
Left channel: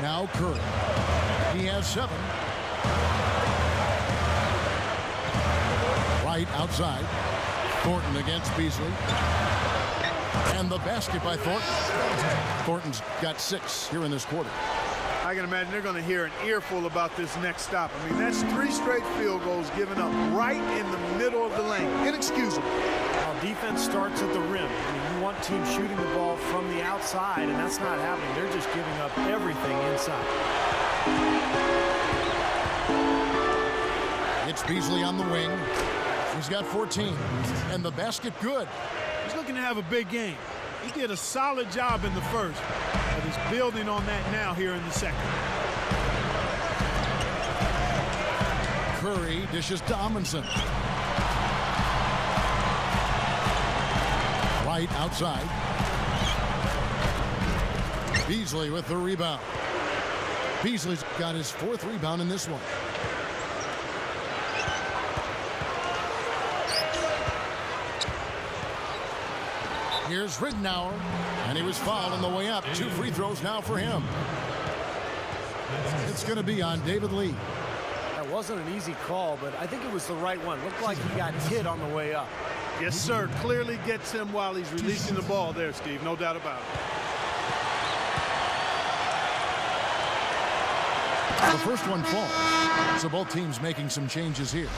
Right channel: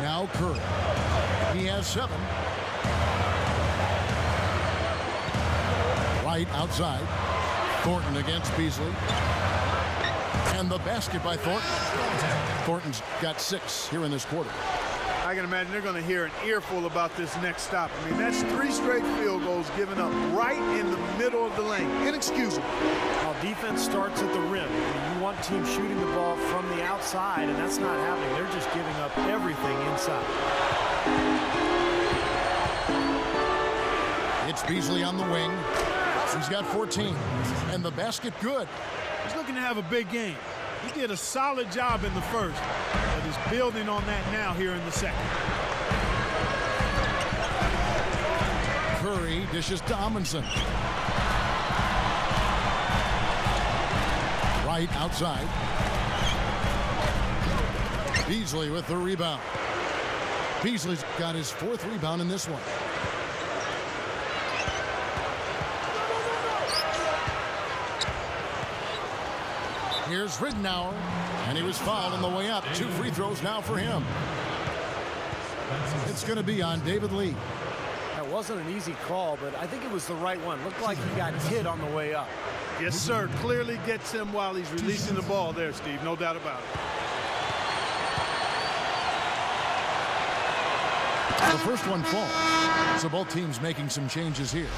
Now Curry. He has 7. Right outside. Thornton against Beasley. And the basket by Thornton. Thornton's got 6 here in this quarter. I can imagine they're going to hear an earful about this next stop. I mean, that's 3 straight field goals given up right in the middle of the lane. Inexcusable. Well, defense starts at the rim. I mean, you want teams shooting the ball from the outside, and that's not happening. They're just giving up everything inside. It's Beasley on the wing. He's got 14. And the basket good. He's looking to have a big game. He did a solid job in the first, but is building on that now here in the second. Curry dishes to Amundsen. Right outside. Beasley with the rebound. Beasley's got his 4th rebound in this one. Here's Ridnour, and he was fouled on the way up. 2 free throws now for him. It's going to be on David Lee. That wasn't an easy call, but I think it was the right one. Looked like he got hit on the way up. Yes, sir. Clearly gets him while he's releasing the ball there, Steve. No doubt about it. The first one falls. So both teams making some changes here.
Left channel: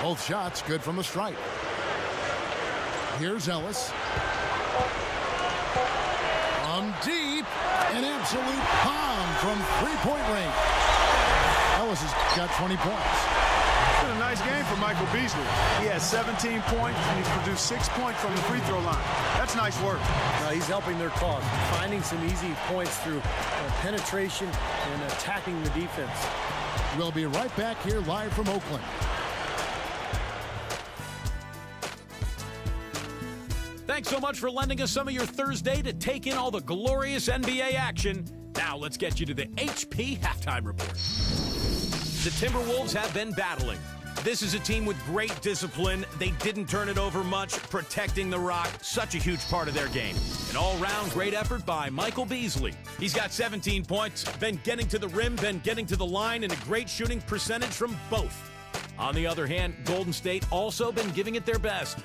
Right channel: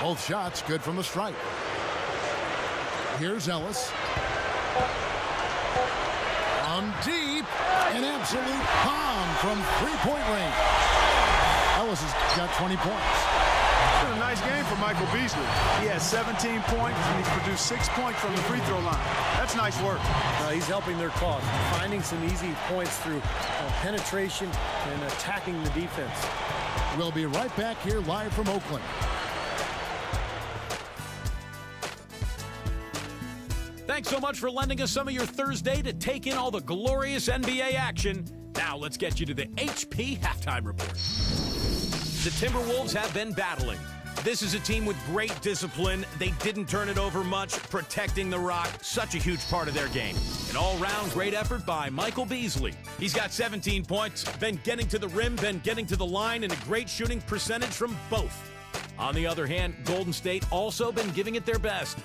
Both shots good from the stripe. Here's Ellis. From deep, an absolute bomb from 3-point range. Ellis has got 20 points. It's been a nice game for Michael Beasley. He has 17 points, and he's produced 6 points from the free throw line. That's nice work. He's helping their cause, finding some easy points through penetration and attacking the defense. We'll be right back here live from Oakland. Thanks so much for lending us some of your Thursday to take in all the glorious NBA action. Now let's get you to the HP Halftime Report. The Timberwolves have been battling. This is a team with great discipline. They didn't turn it over much, protecting the rock, such a huge part of their game. An all-round great effort by Michael Beasley. He's got 17 points, been getting to the rim, been getting to the line, and a great shooting percentage from both. On the other hand, Golden State also been giving it their best.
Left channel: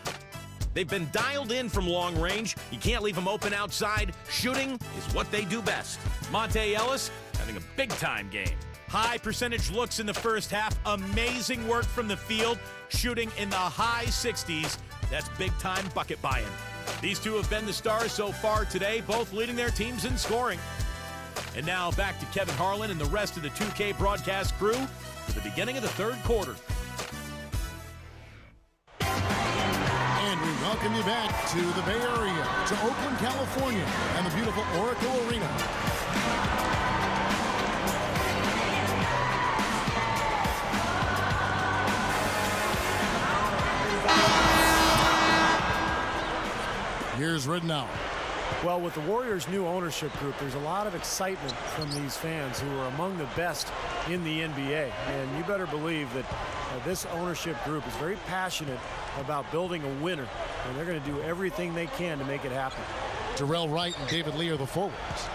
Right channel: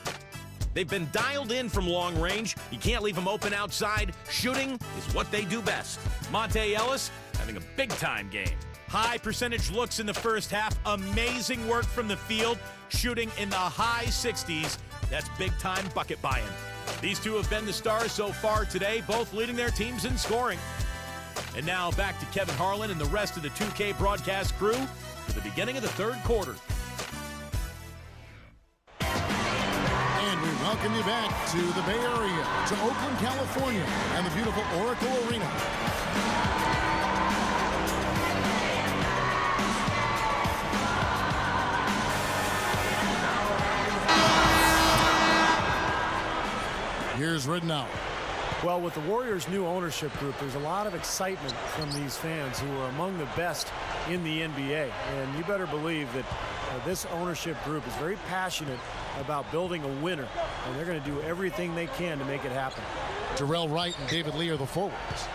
They've been dialed in from long range. You can't leave them open outside. Shooting is what they do best. Monte Ellis having a big-time game. High percentage looks in the first half. Amazing work from the field. Shooting in the high 60s. That's big-time bucket buying. These two have been the stars so far today, both leading their teams in scoring. And now back to Kevin Harlan and the rest of the 2K broadcast crew for the beginning of the third quarter. And we welcome you back to the Bay Area, to Oakland, California, and the beautiful Oracle Arena. Here's Ridnour. Well, with the Warriors' new ownership group, there's a lot of excitement from these fans who are among the best in the NBA. And you better believe that this ownership group is very passionate about building a winner, and they're going to do everything they can to make it happen. Terrell Wright and David Lee are the forwards.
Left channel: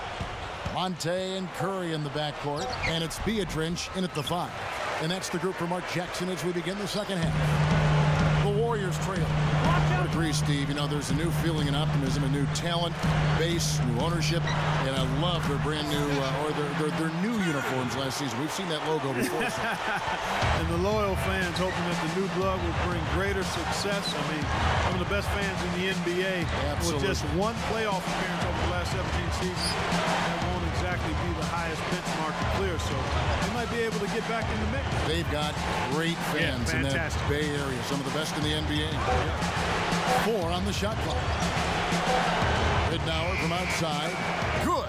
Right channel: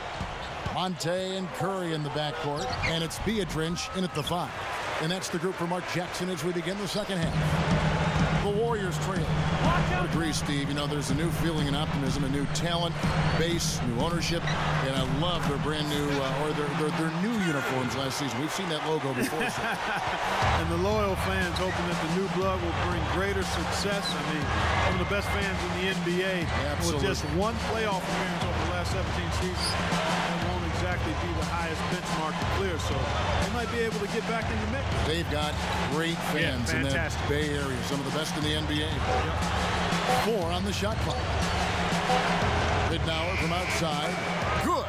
Monte and Curry in the backcourt, and it's Beatrice in at the 5. And that's the group for Mark Jackson as we begin the second half. The Warriors trail. I would agree, Steve. You know, there's a new feeling and optimism, a new talent base, new ownership, and I love their brand new, or their new uniforms last season. We've seen that logo before. So. And the loyal fans hoping that the new blood will bring greater success. I mean, some of the best fans in the NBA. Absolutely. With just one playoff appearance over the last 17 seasons, that won't exactly be the highest benchmark to clear. So they might be able to get back in the mix. They've got great fans in that Bay Area, some of the best in the NBA. Yep. 4 on the shot clock. Ridnour from outside. Good.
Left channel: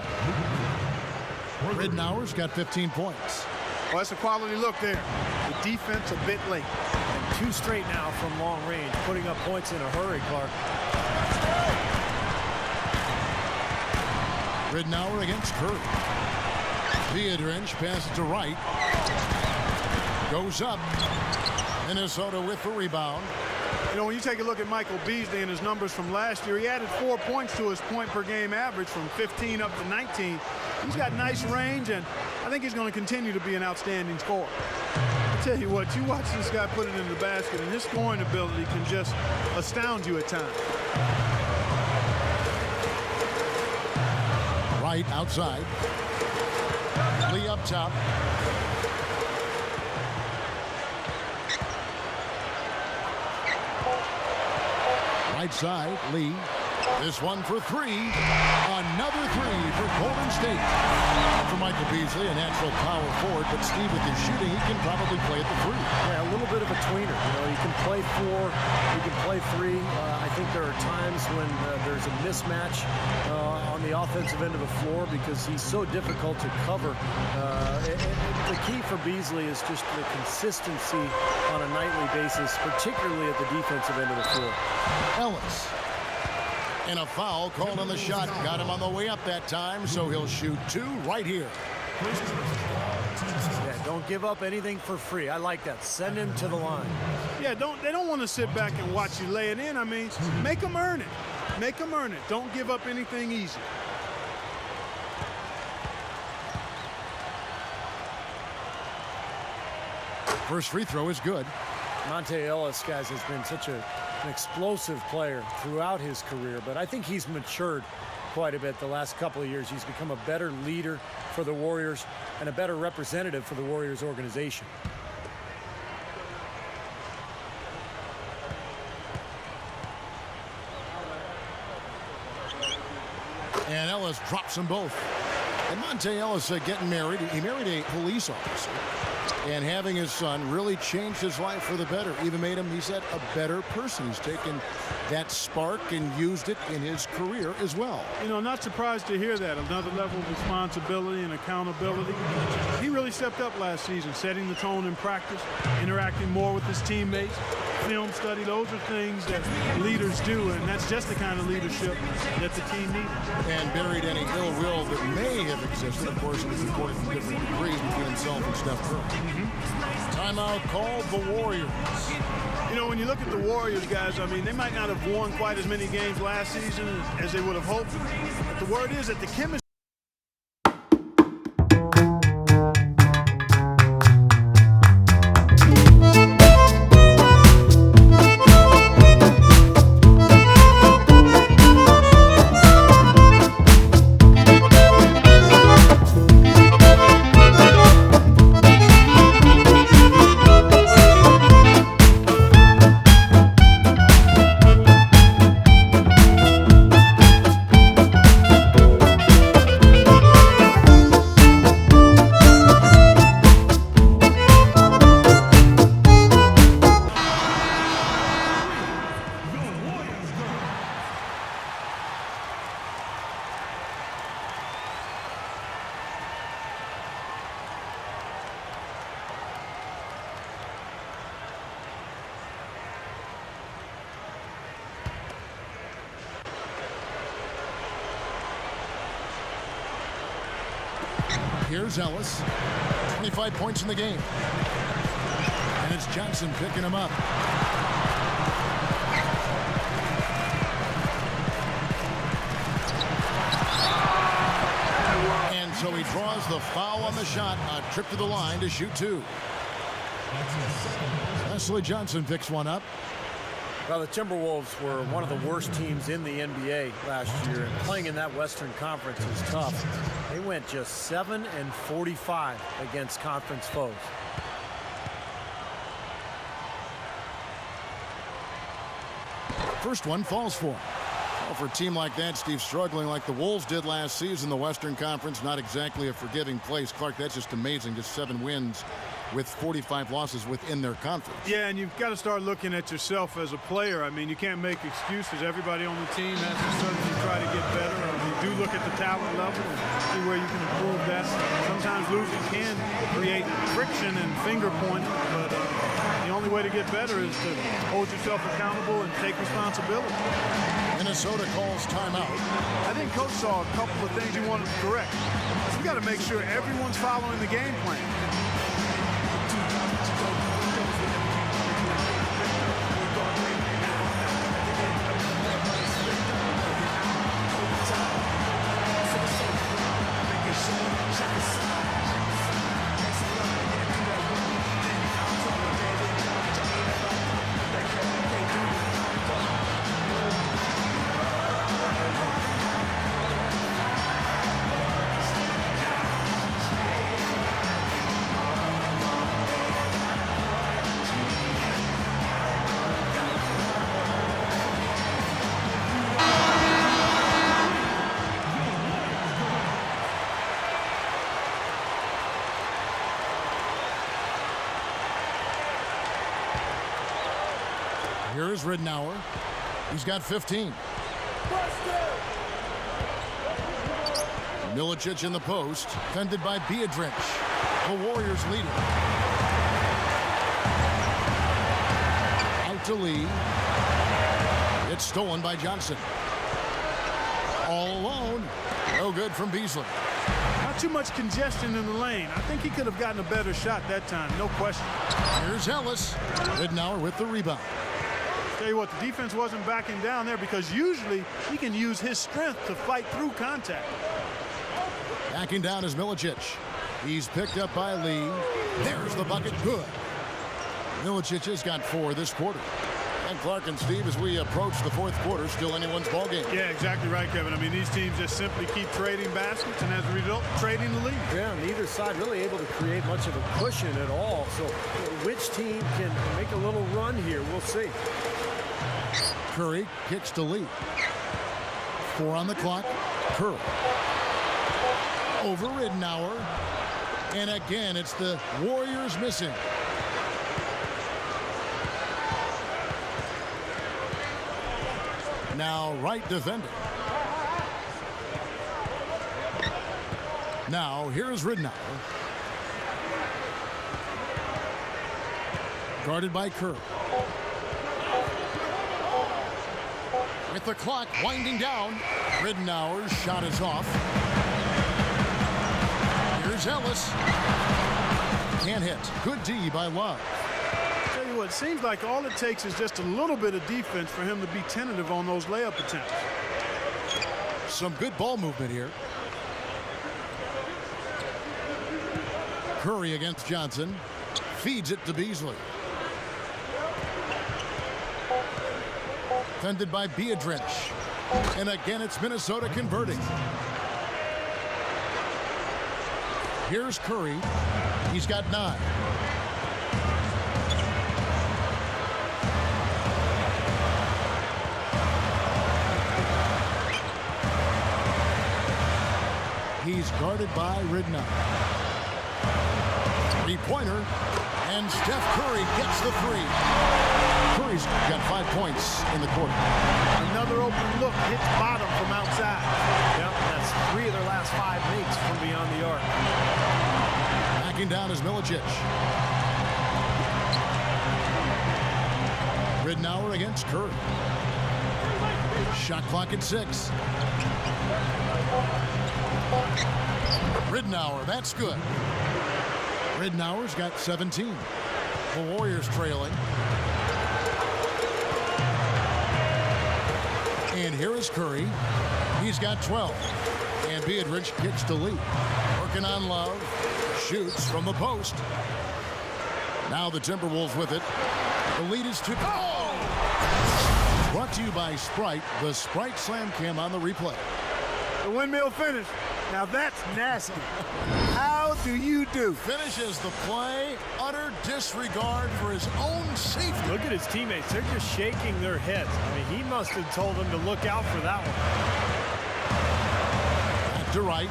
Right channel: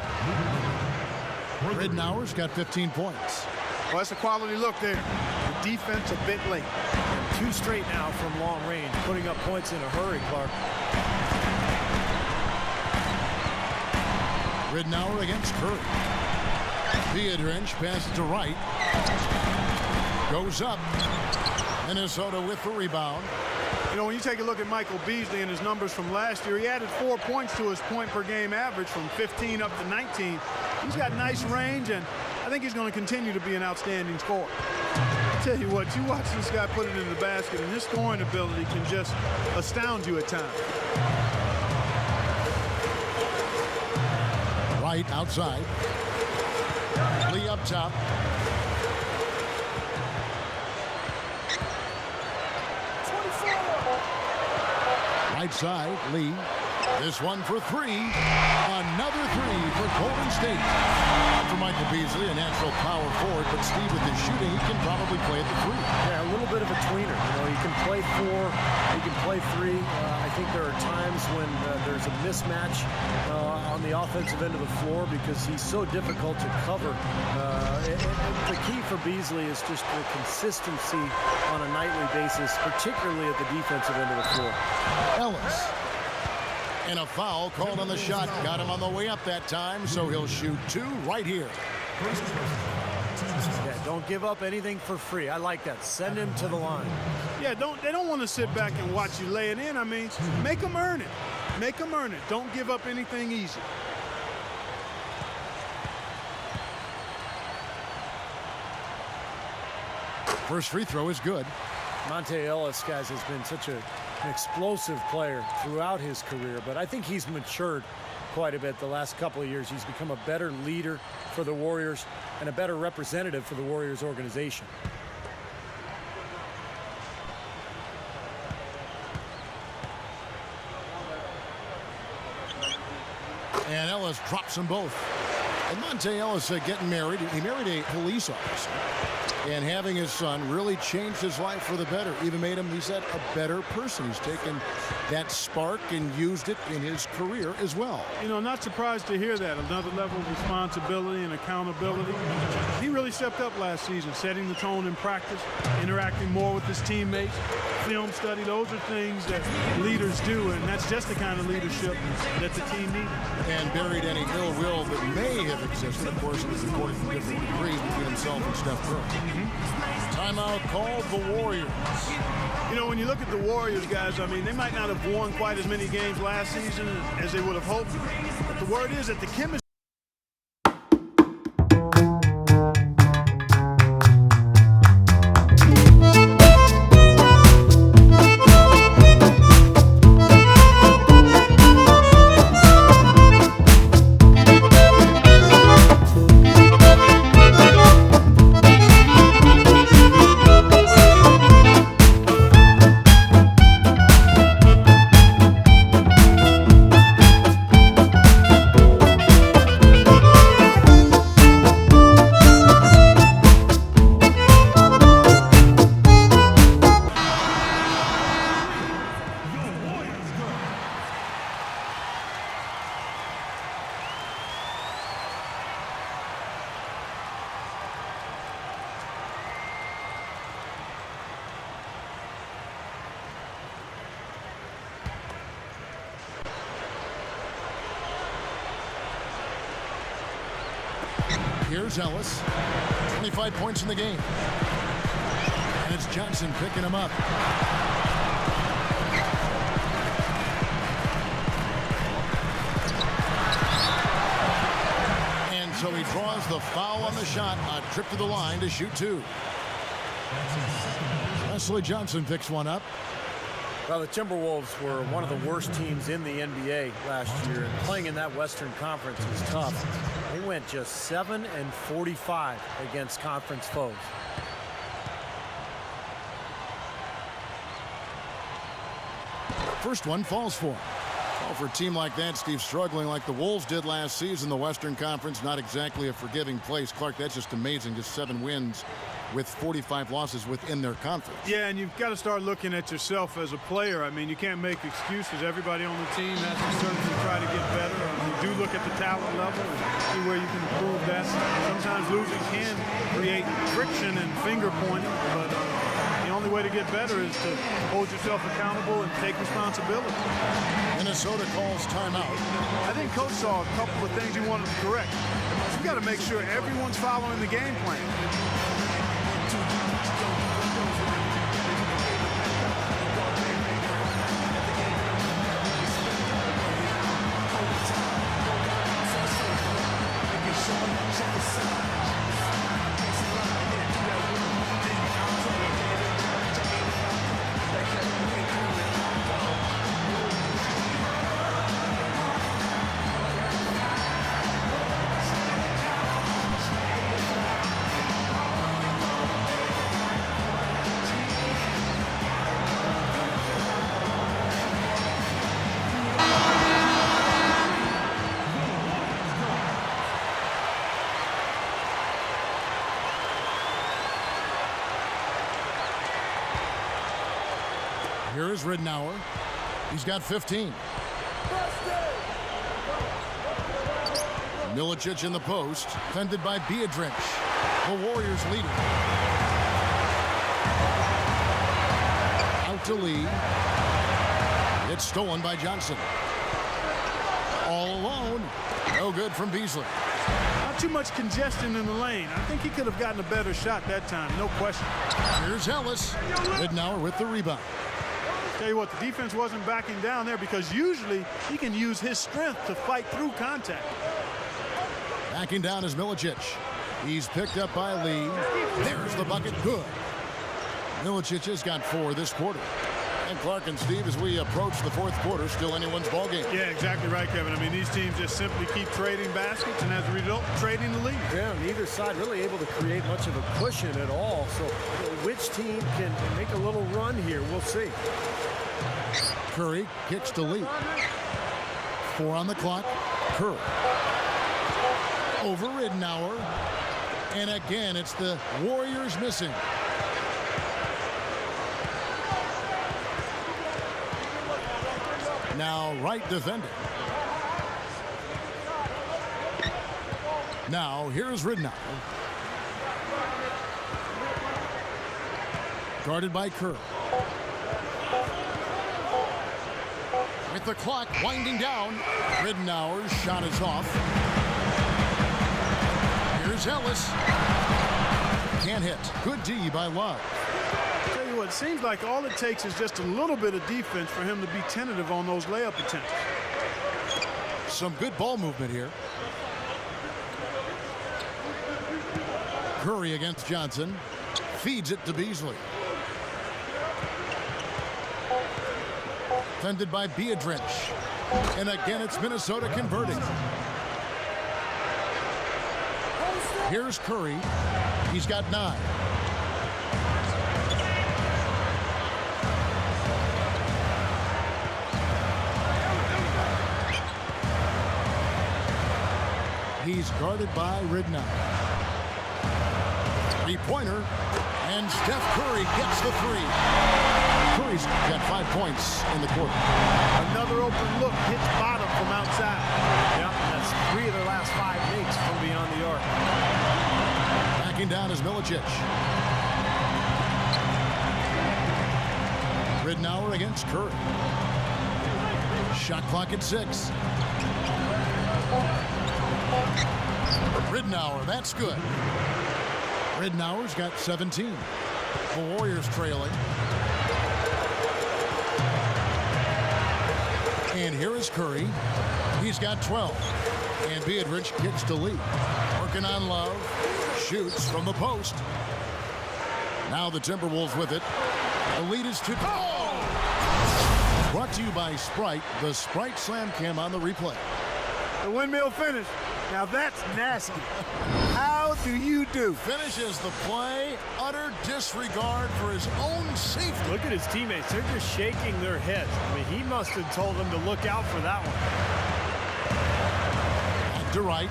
Ridnour's got 15 points. Well, that's a quality look there. The defense a bit late. And 2 straight now from long range, putting up points in a hurry, Clark. Ridnour against Curry. Beatrice passes to Wright. Goes up. Minnesota with the rebound. You know, when you take a look at Michael Beasley and his numbers from last year, he added 4 points to his point-per-game average from 15 up to 19. He's got nice range, and I think he's going to continue to be an outstanding scorer. I tell you what, you watch this guy put it into the basket, and his scoring ability can just astound you at times. Wright outside. Lee up top. Right side, Lee. This one for 3. Another 3 for Golden State. And for Michael Beasley, a natural power forward, but Steve, with his shooting, he can probably play at the 3. Yeah, a little bit of a tweener. You know, he can play 4, he can play 3. I think there are times when there's a mismatch on the offensive end of the floor because he's so difficult to cover. And the key for Beasley is just the consistency on a nightly basis, particularly at the defensive end of the floor. Ellis. And a foul called on the shot. Got him on the way up that time, so he'll shoot 2 right here. First personal foul. Yeah, don't give up anything for free. I like that. Send him to the line. Yeah, they don't want to sit back and watch you lay it in. I mean, make them earn it. Make them earn it. Don't give up anything easy. First free throw is good. Monte Ellis, guys, has been such an explosive player throughout his career, but I think he's matured quite a bit the last couple of years. He's become a better leader for the Warriors and a better representative for the Warriors organization. And Ellis drops them both. And Monte Ellis getting married. He married a police officer. And having his son really changed his life for the better. Even made him, he said, a better person. He's taken that spark and used it in his career as well. You know, not surprised to hear that. Another level of responsibility and accountability. He really stepped up last season, setting the tone in practice, interacting more with his teammates, film study. Those are things that leaders do, and that's just the kind of leadership that the team needed. And buried any ill will that may have existed. Of course, it was recorded from different degrees between himself and Steph Curry. Timeout called the Warriors. You know, when you look at the Warriors, guys, I mean, they might not have won quite as many games last season as they would have hoped. But the word is that the chemistry. Here's Ellis. 25 points in the game. And it's Johnson picking him up. And so he draws the foul on the shot. A trip to the line to shoot two. Wesley Johnson picks one up. Well, the Timberwolves were one of the worst teams in the NBA last year, and playing in that Western Conference is tough. They went just 7-45 against conference foes. First one falls for him. Well, for a team like that, Steve, struggling like the Wolves did last season, the Western Conference, not exactly a forgiving place. Clark, that's just amazing. Just 7 wins with 45 losses within their conference. Yeah, and you've got to start looking at yourself as a player. I mean, you can't make excuses. Everybody on the team has to certainly try to get better. You do look at the talent level and see where you can improve that. Sometimes losing can create friction and finger pointing, but the only way to get better is to hold yourself accountable and take responsibility. Minnesota calls timeout. I think Coach saw a couple of things he wanted to correct. We've got to make sure everyone's following the game plan. Here is Ridnour. He's got 15. Milicic in the post, fended by Biedrins. The Warriors leading. Out to Lee. It's stolen by Johnson. All alone. No good from Beasley. Not too much congestion in the lane. I think he could have gotten a better shot that time, no question. Here's Ellis. Ridnour with the rebound. Tell you what, the defense wasn't backing down there because usually he can use his strength to fight through contact. Backing down is Milicic. He's picked up by Lee. There's the bucket. Good. Milicic has got 4 this quarter. And Clark and Steve, as we approach the 4th quarter, still anyone's ball game. Yeah, exactly right, Kevin. I mean, these teams just simply keep trading baskets and as a result, trading the lead. Yeah, neither side really able to create much of a cushion at all. So which team can make a little run here? We'll see. Curry kicks to Lee. 4 on the clock. Curry. Over Ridnour. And again, it's the Warriors missing. Now Wright defending. Now here's Ridnour. Guarded by Kerr. With the clock winding down, Ridnour's shot is off. Here's Ellis. Can't hit. Good D by Love. Tell you what, it seems like all it takes is just a little bit of defense for him to be tentative on those layup attempts. Some good ball movement here. Curry against Johnson. Feeds it to Beasley. Defended by Biedrins. And again, it's Minnesota converting. Here's Curry. He's got 9. He's guarded by Ridnour. Three-pointer. And Steph Curry gets the 3. Curry's got 5 points in the quarter. Another open look, hits bottom from outside. Yeah, that's 3 of their last 5 makes from beyond the arc. Backing down is Milicic. Ridnour against Curry. Shot clock at 6. Ridnour, that's good. Ridnour's got 17. The Warriors trailing. And here is Curry. He's got 12. And Biedrins kicks to Lee. Working on Love. Shoots from the post. Now the Timberwolves with it. The lead is 2. Oh! Brought to you by Sprite. The Sprite Slam Cam on the replay. The windmill finish. Now that's nasty. How do you do? Finishes the play. Utter disregard for his own safety. Look at his teammates. They're just shaking their heads. I mean, he must have told them to look out for that one. Back to Wright.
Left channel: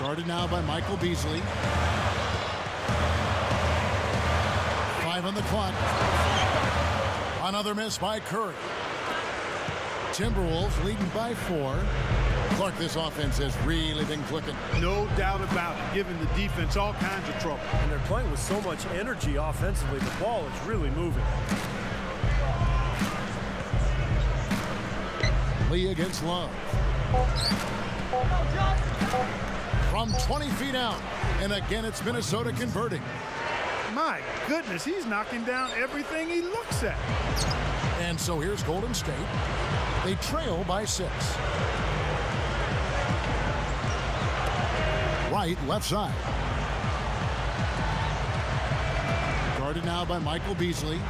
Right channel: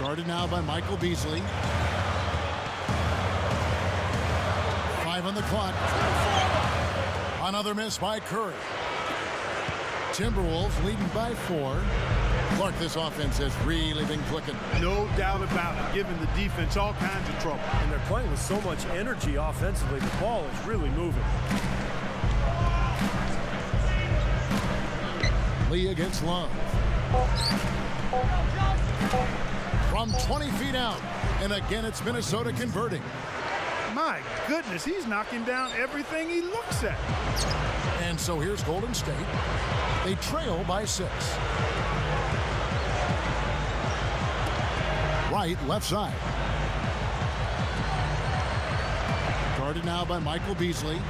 Guarded now by Michael Beasley. 5 on the clock. Another miss by Curry. Timberwolves leading by 4. Clark, this offense has really been clicking. No doubt about it, giving the defense all kinds of trouble. And they're playing with so much energy offensively. The ball is really moving. Lee against Love. From 20 feet out. And again, it's Minnesota converting. My goodness, he's knocking down everything he looks at. And so here's Golden State. They trail by 6. Wright, left side. Guarded now by Michael Beasley.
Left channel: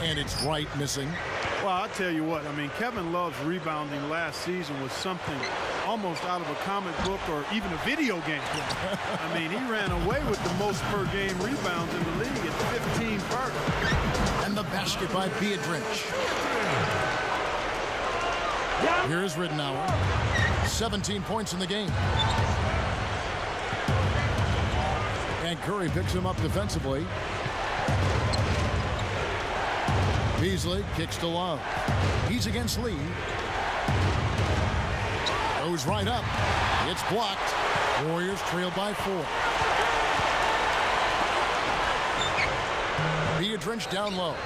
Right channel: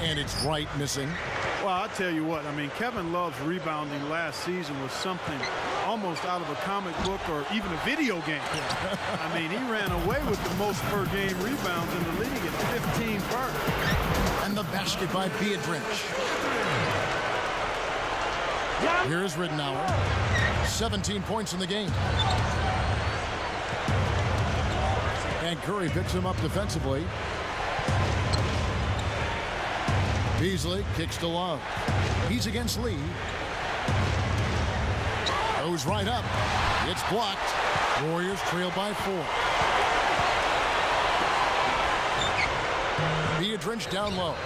And it's Wright missing. Well, I'll tell you what, I mean, Kevin Love's rebounding last season was something almost out of a comic book or even a video game. I mean, he ran away with the most per game rebounds in the league at 15 per. And the basket by Biedrins. Here's Ridnour. 17 points in the game. And Curry picks him up defensively. Beasley kicks to Love. He's against Lee. Goes right up. It's blocked. Warriors trail by 4. Biedrins down low.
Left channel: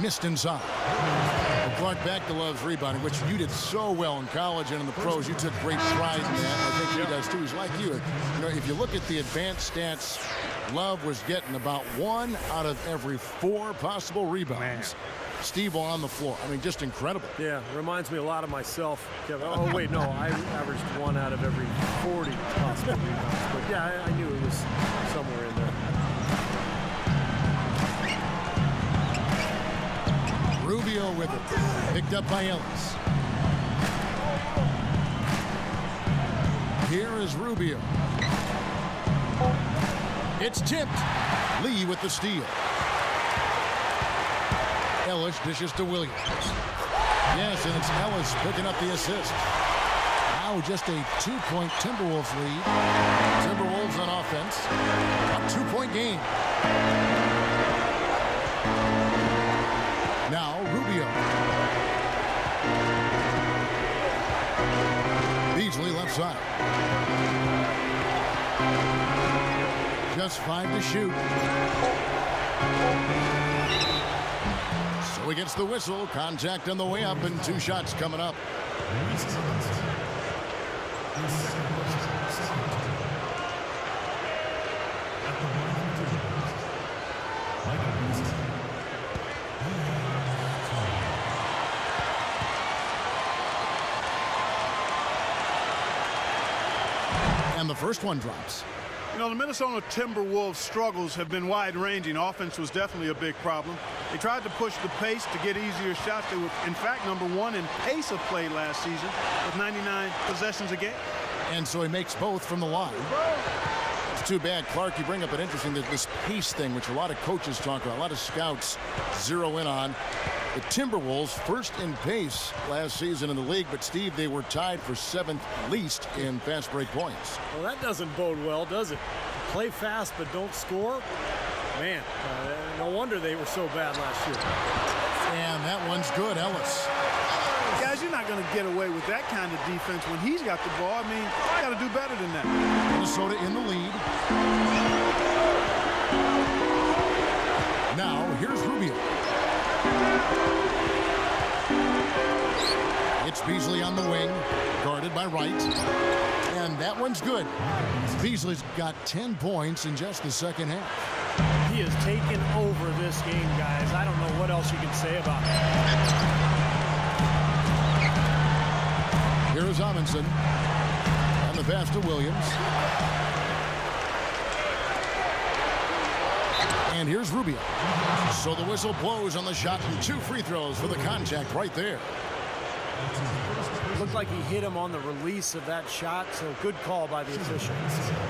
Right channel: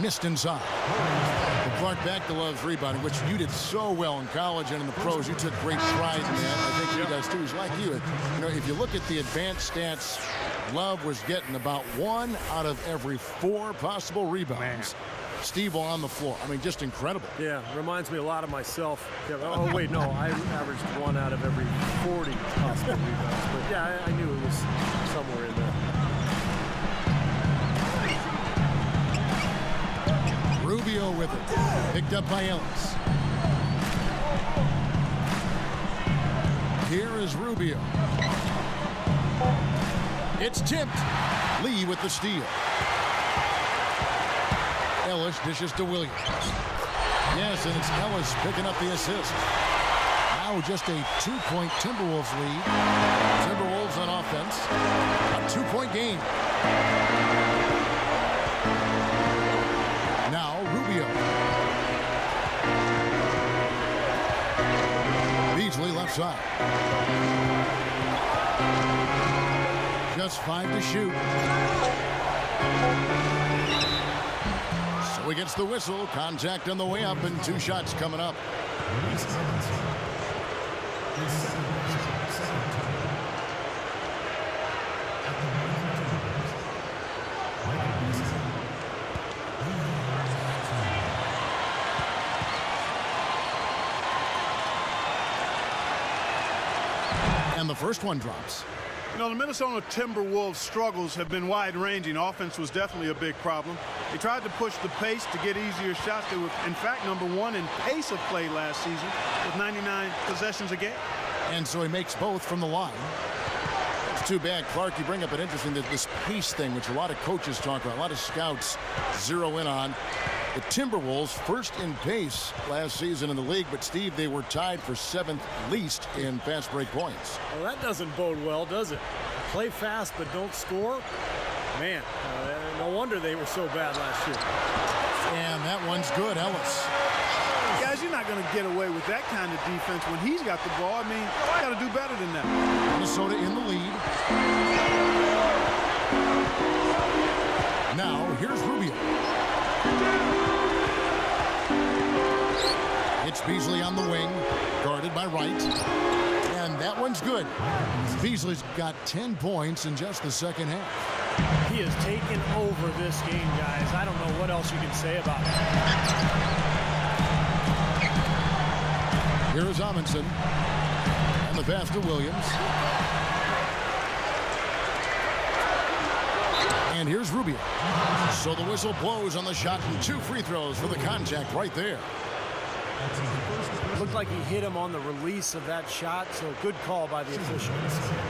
Missed inside. Well, Clark, back to Love's rebounding, which you did so well in college and in the pros. You took great pride in that. I think he does too. He's like you. You know, if you look at the advanced stats, Love was getting about 1 out of every 4 possible rebounds. Man. Steve on the floor. I mean, just incredible. Yeah, reminds me a lot of myself. Oh, wait, no, I averaged 1 out of every 40 possible rebounds. But yeah, I knew it was somewhere in there. Rubio with it. Picked up by Ellis. Here is Rubio. It's tipped. Lee with the steal. Ellis dishes to Williams. Yes, and it's Ellis picking up the assist. Now just a 2-point Timberwolves lead. Timberwolves on offense. A 2-point game. Now Rubio. Beasley left side. Just 5 to shoot. So he gets the whistle. Contact on the way up and 2 shots coming up. Luis Amundsen. His second worst, second team. At the line for Timberwolves, Michael Beasley. And the first one drops. You know, the Minnesota Timberwolves' struggles have been wide-ranging. Offense was definitely a big problem. They tried to push the pace to get easier shots. They were, in fact, #1 in pace of play last season with 99 possessions a game. And so he makes both from the line. It's too bad. Clark, you bring up an interesting, this pace thing, which a lot of coaches talk about, a lot of scouts zero in on. The Timberwolves first in pace last season in the league, but Steve, they were tied for 7th least in fast break points. Well, that doesn't bode well, does it? Play fast but don't score? Man, no wonder they were so bad last year. And that one's good, Ellis. Guys, you're not going to get away with that kind of defense when he's got the ball. I mean, you got to do better than that. Minnesota in the lead. Now, here's Rubio. It's Beasley on the wing, guarded by Wright. And that one's good. Beasley's got 10 points in just the second half. He has taken over this game, guys. I don't know what else you can say about it. Here is Amundsen. And the pass to Williams. And here's Rubio. So the whistle blows on the shot and 2 free throws for the contact right there. Looked like he hit him on the release of that shot, so good call by the official.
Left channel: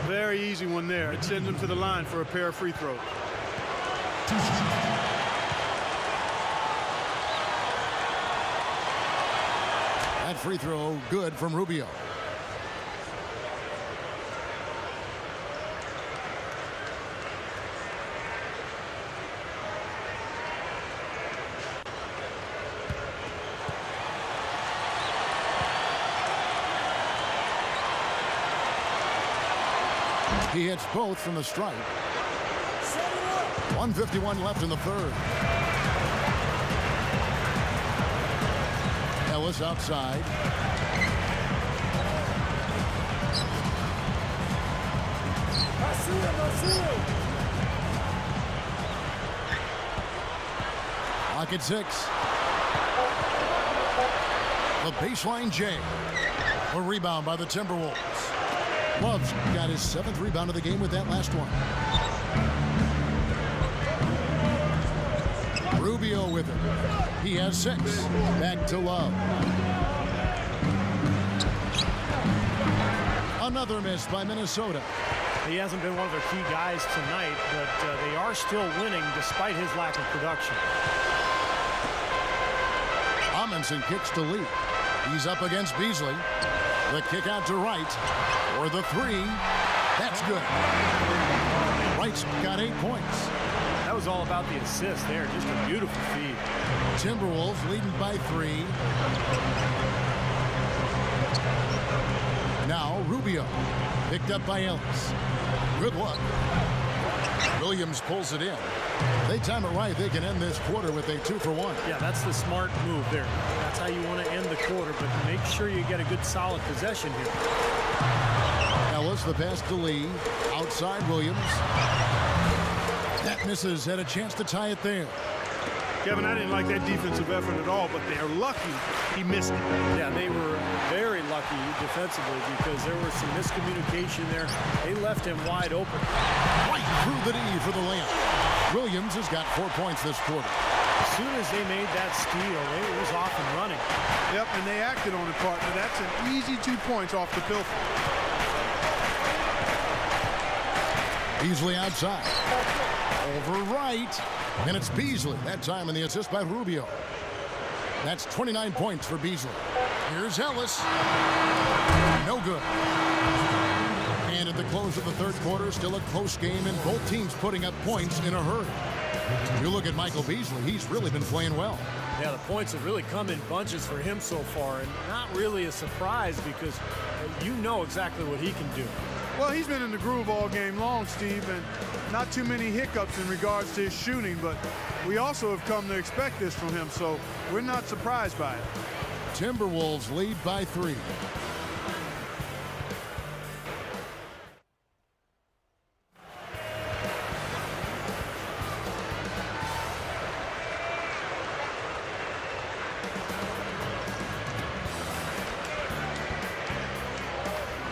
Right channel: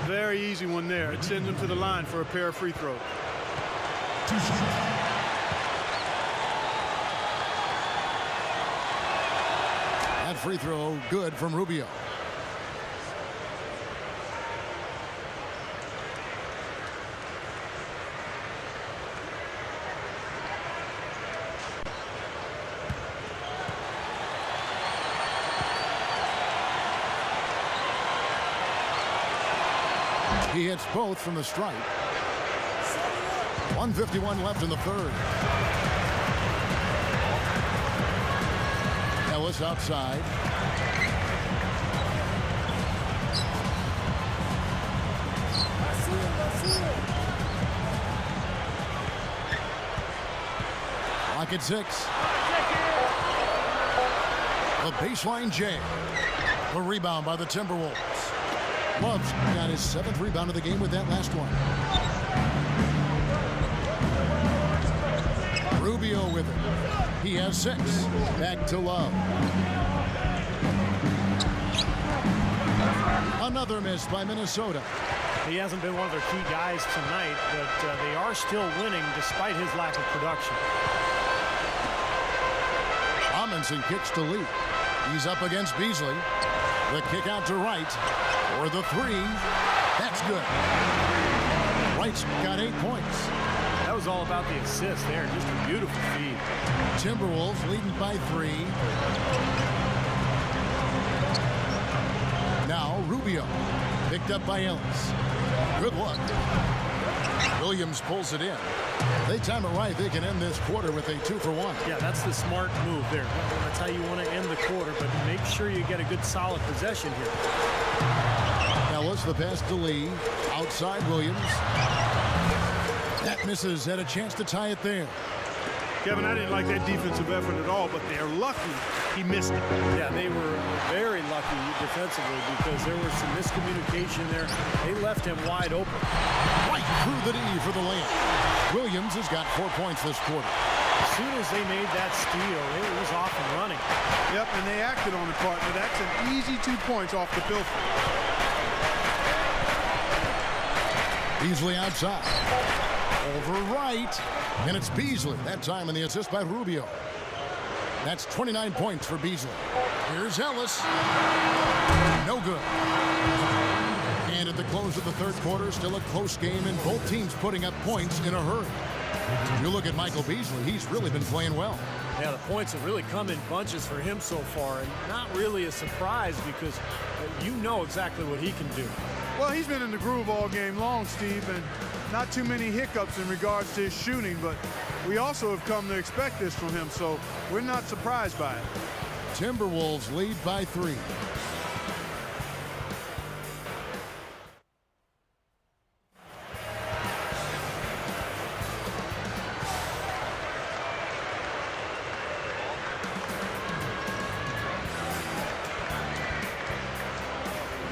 Very easy one there. It sends him to the line for a pair of free throws. 2 shots. That free throw good from Rubio. He hits both from the stripe. 1:51 left in the third. Ellis outside. I see him. Lock at 6. The baseline jam. A rebound by the Timberwolves. Love's got his 7th rebound of the game with that last one. Rubio with it. He has 6. Back to Love. Another miss by Minnesota. He hasn't been one of their key guys tonight, but they are still winning despite his lack of production. Amundsen kicks to Lee. He's up against Beasley. The kick out to Wright. For the 3. That's good. Wright's got 8 points. That was all about the assist there. Just a beautiful feed. Timberwolves leading by 3. Now Rubio. Picked up by Ellis. Good luck. Williams pulls it in. They time it right. They can end this quarter with a 2-for-1. Yeah, that's the smart move there. That's how you want to end the quarter, but make sure you get a good solid possession here. Ellis, the pass to Lee. Outside Williams. That misses. Had a chance to tie it there. Kevin, I didn't like that defensive effort at all, but they're lucky he missed it. Yeah, they were very lucky defensively because there was some miscommunication there. They left him wide open. Right through the D for the layup. Williams has got 4 points this quarter. As soon as they made that steal, it was off and running. Yep, and they acted on it, partner. That's an easy 2 points off the pilfer. Beasley outside. Over Wright. And it's Beasley. That time in the assist by Rubio. That's 29 points for Beasley. Here's Ellis. No good. And at the close of the third quarter, still a close game, and both teams putting up points in a hurry. You look at Michael Beasley, he's really been playing well. Yeah, the points have really come in bunches for him so far, and not really a surprise because you know exactly what he can do. Well, he's been in the groove all game long, Steve, and not too many hiccups in regards to his shooting, but we also have come to expect this from him, so we're not surprised by it. Timberwolves lead by 3.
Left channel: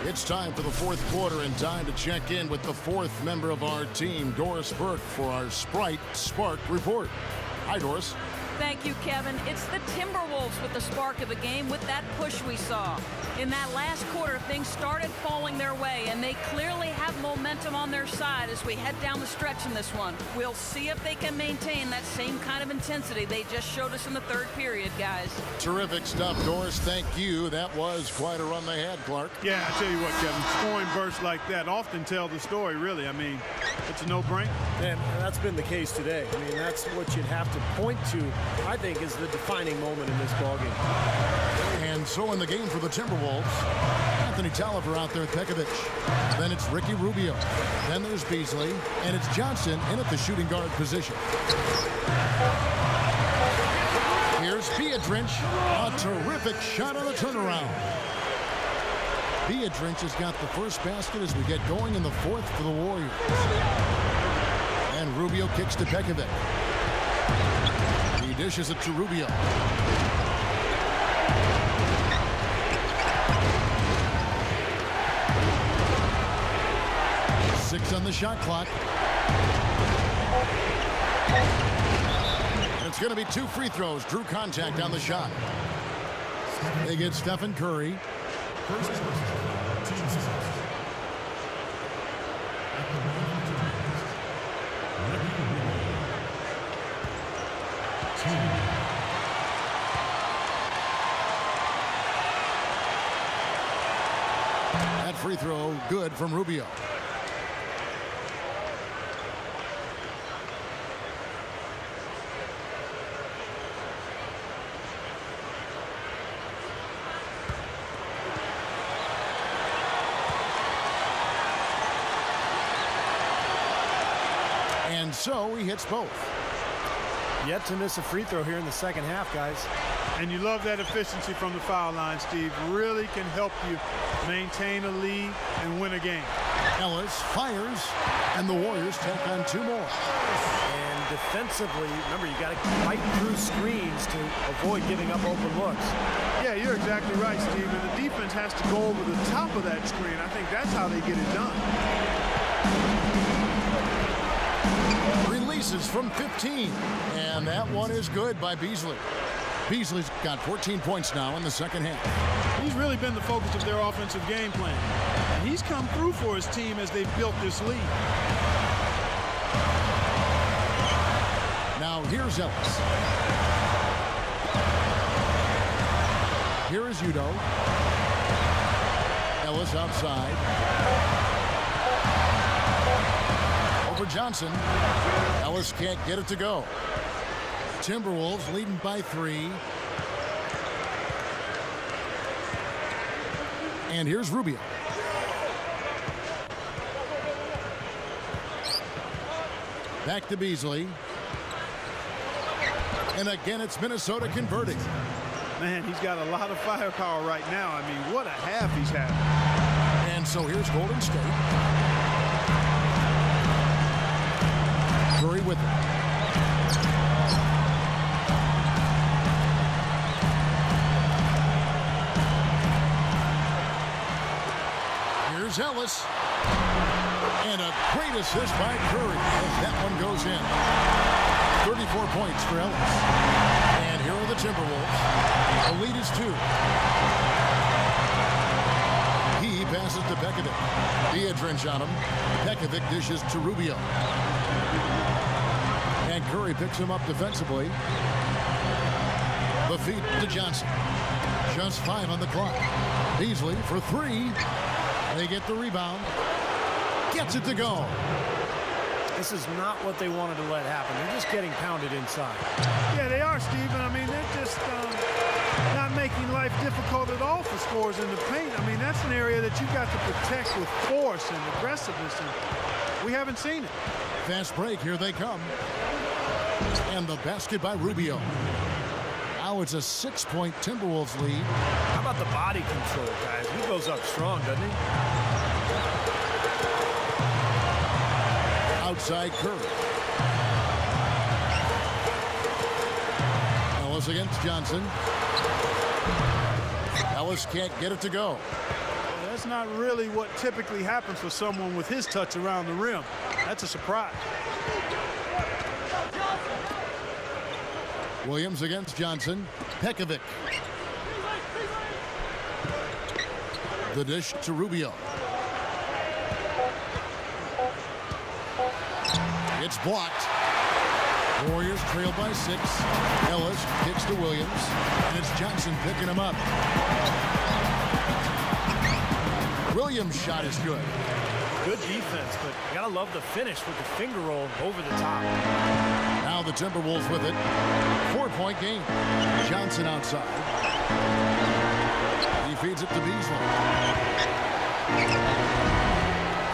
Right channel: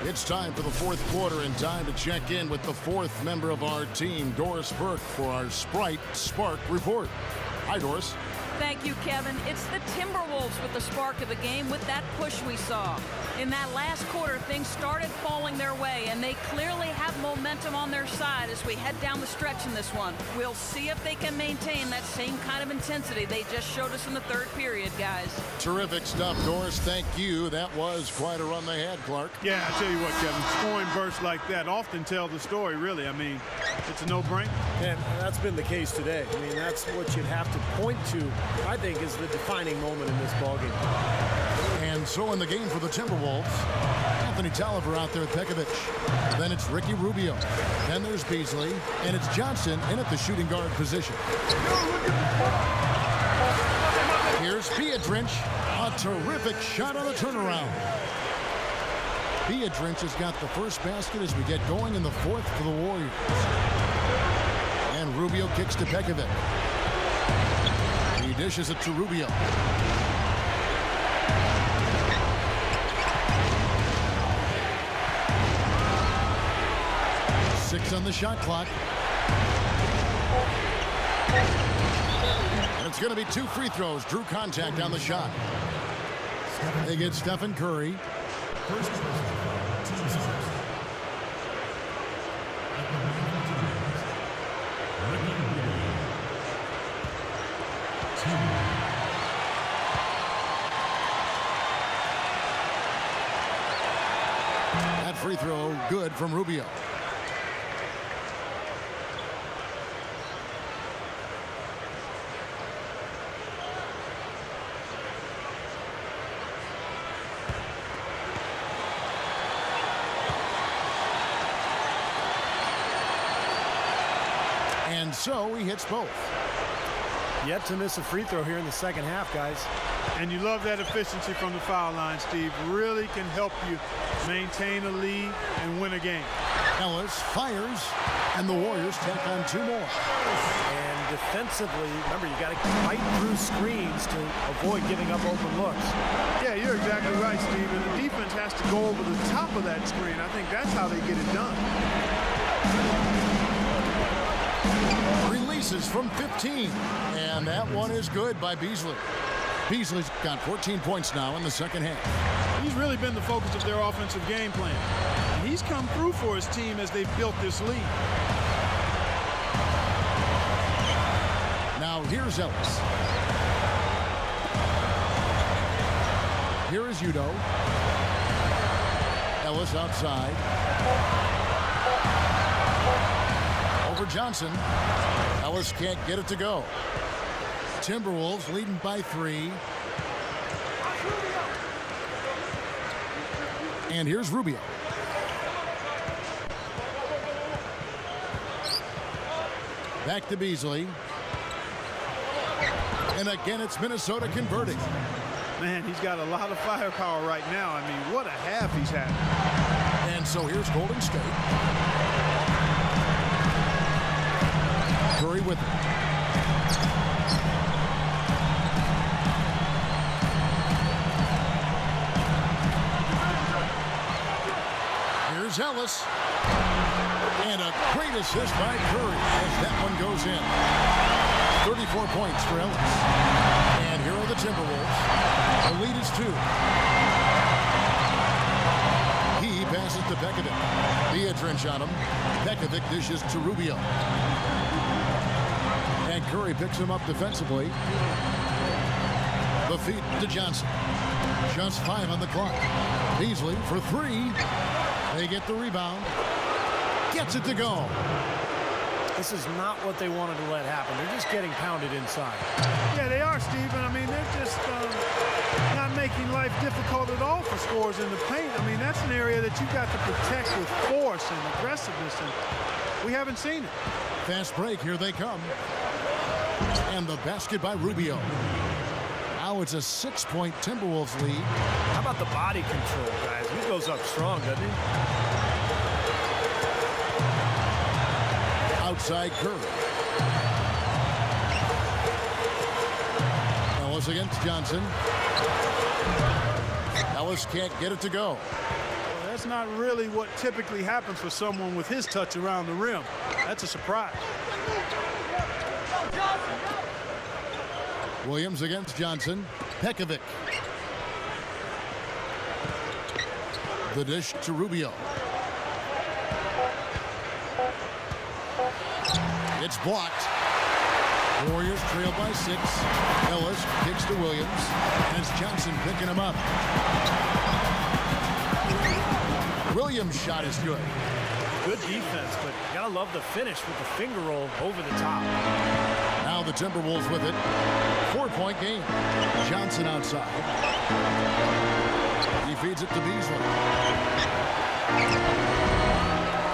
It's time for the fourth quarter and time to check in with the fourth member of our team, Doris Burke, for our Sprite Spark Report. Hi, Doris. Thank you, Kevin. It's the Timberwolves with the spark of the game with that push we saw. In that last quarter, things started falling their way, and they clearly have momentum on their side as we head down the stretch in this one. We'll see if they can maintain that same kind of intensity they just showed us in the third period, guys. Terrific stuff, Doris. Thank you. That was quite a run they had, Clark. Yeah, I tell you what, Kevin, scoring bursts like that often tell the story, really. I mean, it's a no-brainer. And that's been the case today. I mean, that's what you'd have to point to, I think, is the defining moment in this ballgame. And so in the game for the Timberwolves, Anthony Tolliver out there with Pekovic. Then it's Ricky Rubio. Then there's Beasley. And it's Johnson in at the shooting guard position. Here's Beadrinch. A terrific shot on the turnaround. Beadrinch has got the first basket as we get going in the fourth for the Warriors. And Rubio kicks to Pekovic. He dishes it to Rubio. Six on the shot clock. And it's going to be 2 free throws. Drew contact on the shot. They get Stephen Curry. First personal foul, team foul. At the line for Timberwolves, Ricky Rubio. 2. That free throw good from Rubio. And so he hits both. Yet to miss a free throw here in the second half, guys. And you love that efficiency from the foul line, Steve. Really can help you maintain a lead and win a game. Ellis fires, and the Warriors tack on 2 more. And defensively, remember, you got to fight through screens to avoid giving up open looks. Yeah, you're exactly right, Steve. And the defense has to go over the top of that screen. I think that's how they get it done. Releases from 15, and that one is good by Beasley. Beasley's got 14 points now in the second half. He's really been the focus of their offensive game plan, and he's come through for his team as they've built this lead. Now here's Ellis. Here is Udo. Ellis outside. Over Johnson. Ellis can't get it to go. Timberwolves leading by 3. And here's Rubio. Back to Beasley. And again, it's Minnesota converting. Man, he's got a lot of firepower right now. I mean, what a half he's had. And so here's Golden State. Curry with it. Here's Ellis. And a great assist by Curry as that one goes in. 34 points for Ellis. And here are the Timberwolves. The lead is 2. He passes to Pekovic. Beadrinch on him. Pekovic dishes to Rubio. And Curry picks him up defensively. The feed to Johnson. Just 5 on the clock. Beasley for 3. They get the rebound. Gets it to go. This is not what they wanted to let happen. They're just getting pounded inside. Yeah, they are, Steven. I mean, they're just not making life difficult at all for scorers in the paint. I mean, that's an area that you've got to protect with force and aggressiveness, and we haven't seen it. Fast break. Here they come. And the basket by Rubio. Now it's a 6-point Timberwolves lead. How about the body control, guys? He goes up strong, doesn't he? Outside Curry. Ellis against Johnson. Ellis can't get it to go. Well, that's not really what typically happens for someone with his touch around the rim. That's a surprise. Williams against Johnson. Pekovic. The dish to Rubio. It's blocked. Warriors trail by 6. Ellis kicks to Williams, and it's Johnson picking him up. Williams' shot is good. Good defense, but you gotta love the finish with the finger roll over the top. Now the Timberwolves with it. 4-point game. Johnson outside. He feeds it to Beasley.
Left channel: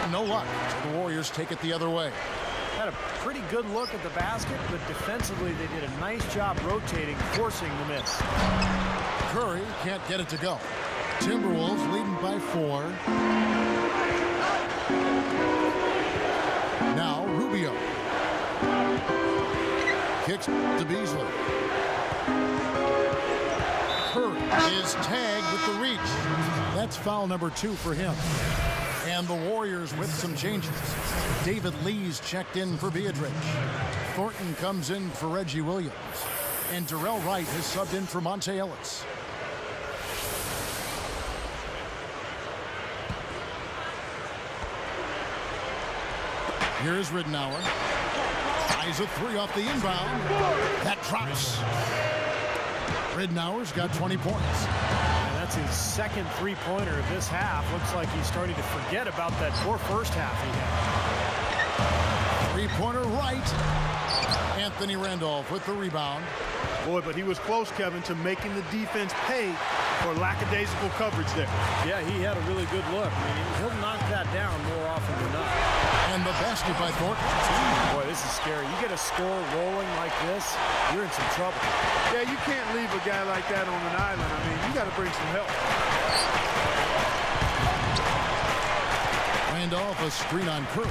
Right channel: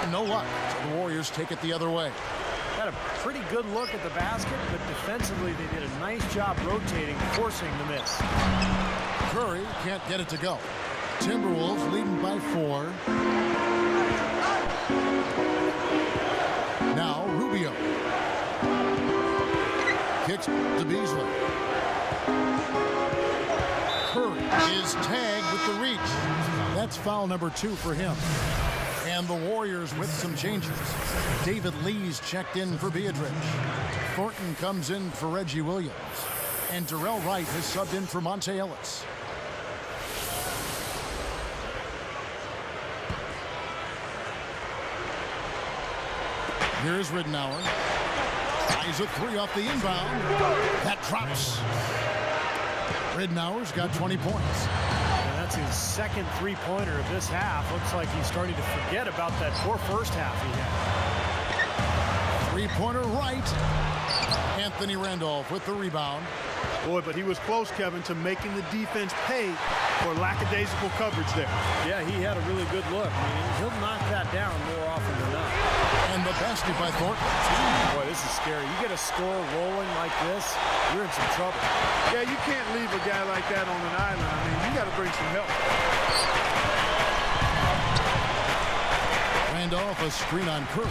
No luck, so the Warriors take it the other way. Had a pretty good look at the basket, but defensively they did a nice job rotating, forcing the miss. Curry can't get it to go. Timberwolves leading by 4. Now Rubio. Kicks to Beasley. Curry is tagged with the reach. That's foul number 2 for him. And the Warriors with some changes. David Lee's checked in for Beatrice. Thornton comes in for Reggie Williams. And Darrell Wright has subbed in for Monte Ellis. Here's Ridnour. Eyes a 3 off the inbound. That drops. Ridnour's got 20 points. And that's his second three-pointer of this half. Looks like he's starting to forget about that poor first half he had. Three-pointer right. Anthony Randolph with the rebound. Boy, but he was close, Kevin, to making the defense pay for lackadaisical coverage there. Yeah, he had a really good look. I mean, he'll knock that down more often than not. And the basket by Thornton. Boy, this is scary. You get a score rolling like this, you're in some trouble. Yeah, you can't leave a guy like that on an island. I mean, you got to bring some help. Randolph, a screen on Curry.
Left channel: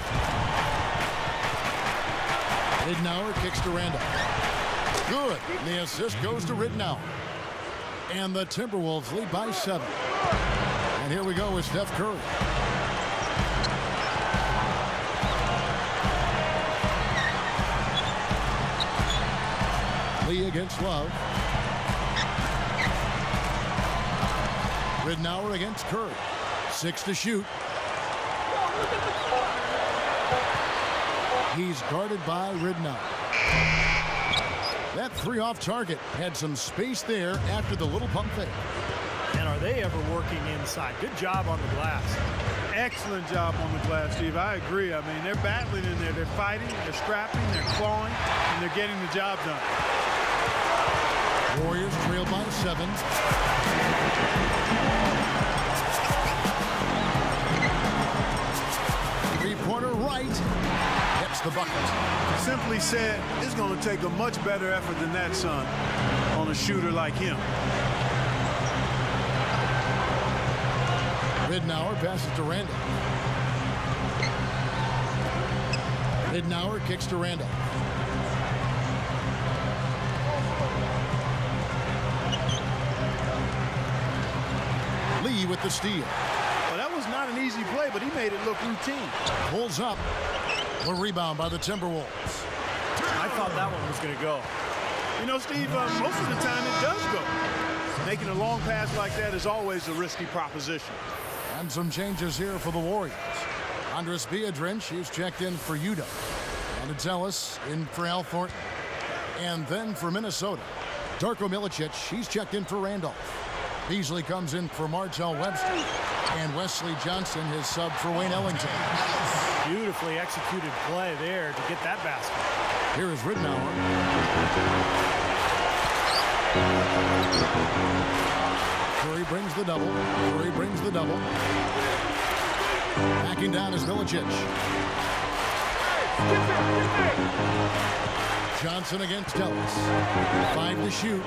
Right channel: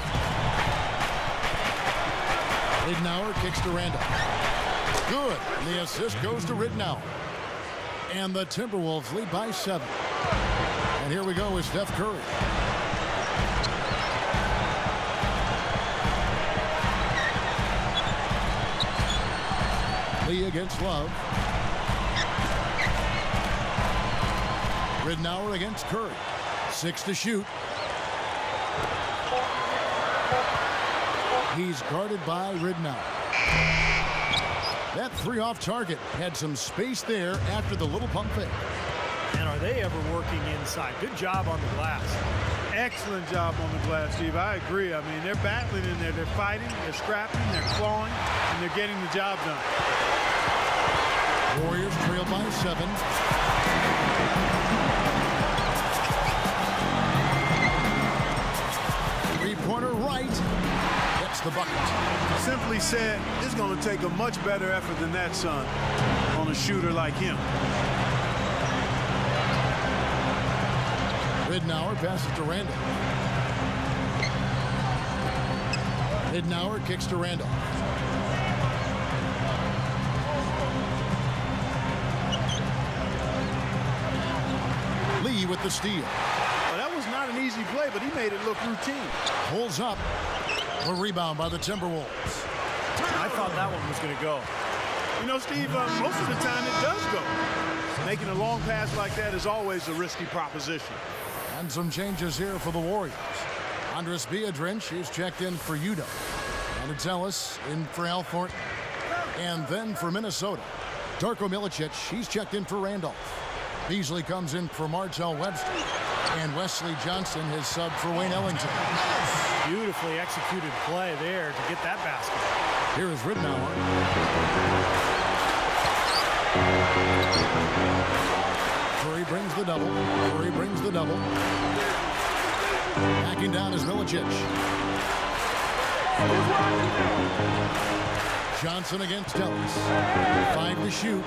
Ridnour kicks to Randolph. Good. And the assist goes to Ridnour. And the Timberwolves lead by 7. And here we go with Steph Curry. Lee against Love. Ridnour against Curry. 6 to shoot. He's guarded by Ridnour. That 3 off target had some space there after the little pump fake. And are they ever working inside? Good job on the glass. Excellent job on the glass, Steve. I agree. I mean, they're battling in there. They're fighting, they're scrapping, they're clawing, and they're getting the job done. Warriors trail by 7. Three-pointer right. Gets the bucket. Simply said, it's going to take a much better effort than that, son, on a shooter like him. Ridnour passes to Randolph. Ridnour kicks to Randolph. Lee with the steal. Well, that was not an easy play, but he made it look routine. Pulls up. The rebound by the Timberwolves. I thought that one was going to go. You know, Steve, most of the time it does go. Making a long pass like that is always a risky proposition. And some changes here for the Warriors. Andres Beadrin, she's checked in for Udo. And it's Ellis in for Al Thornton. And then for Minnesota, Darko Milicic, she's checked in for Randolph. Beasley comes in for Martell Webster. And Wesley Johnson, his sub for Wayne Ellington. Beautifully executed play there to get that basket. Here is Ridnour. Curry brings the double. Curry brings the double. Backing down is Milicic. Johnson against Ellis. 5 to shoot.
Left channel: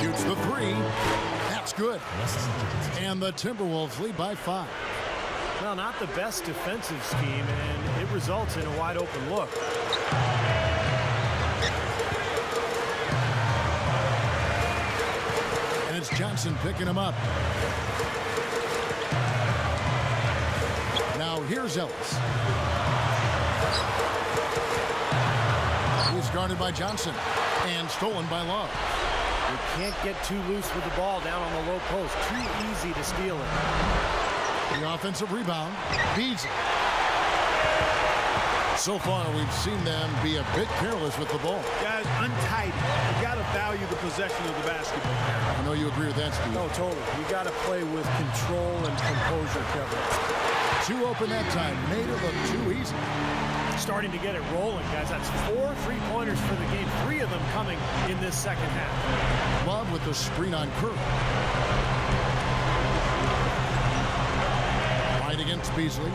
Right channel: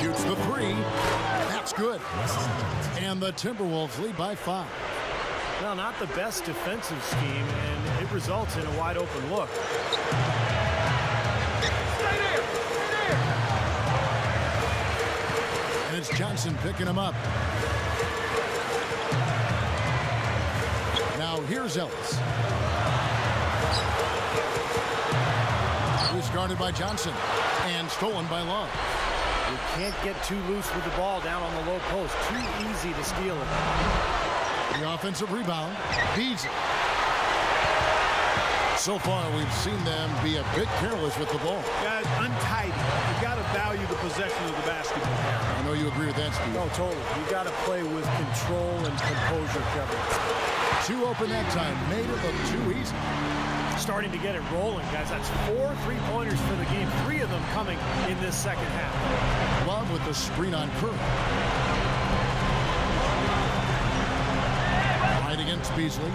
Shoots the 3. That's good. And the Timberwolves lead by 5. Well, not the best defensive scheme, and it results in a wide open look. And it's Johnson picking him up. Now here's Ellis. He's guarded by Johnson and stolen by Love. You can't get too loose with the ball down on the low post. Too easy to steal it. The offensive rebound, Beasley. So far, we've seen them be a bit careless with the ball. Guys, untidy. You got to value the possession of the basketball. I know you agree with that, Steve. No, totally. You got to play with control and composure, Kevin. 2 open that time. Made it look too easy. Starting to get it rolling, guys. That's 4 3-pointers for the game. 3 of them coming in this second half. Love with the screen on Curry. Right against Beasley.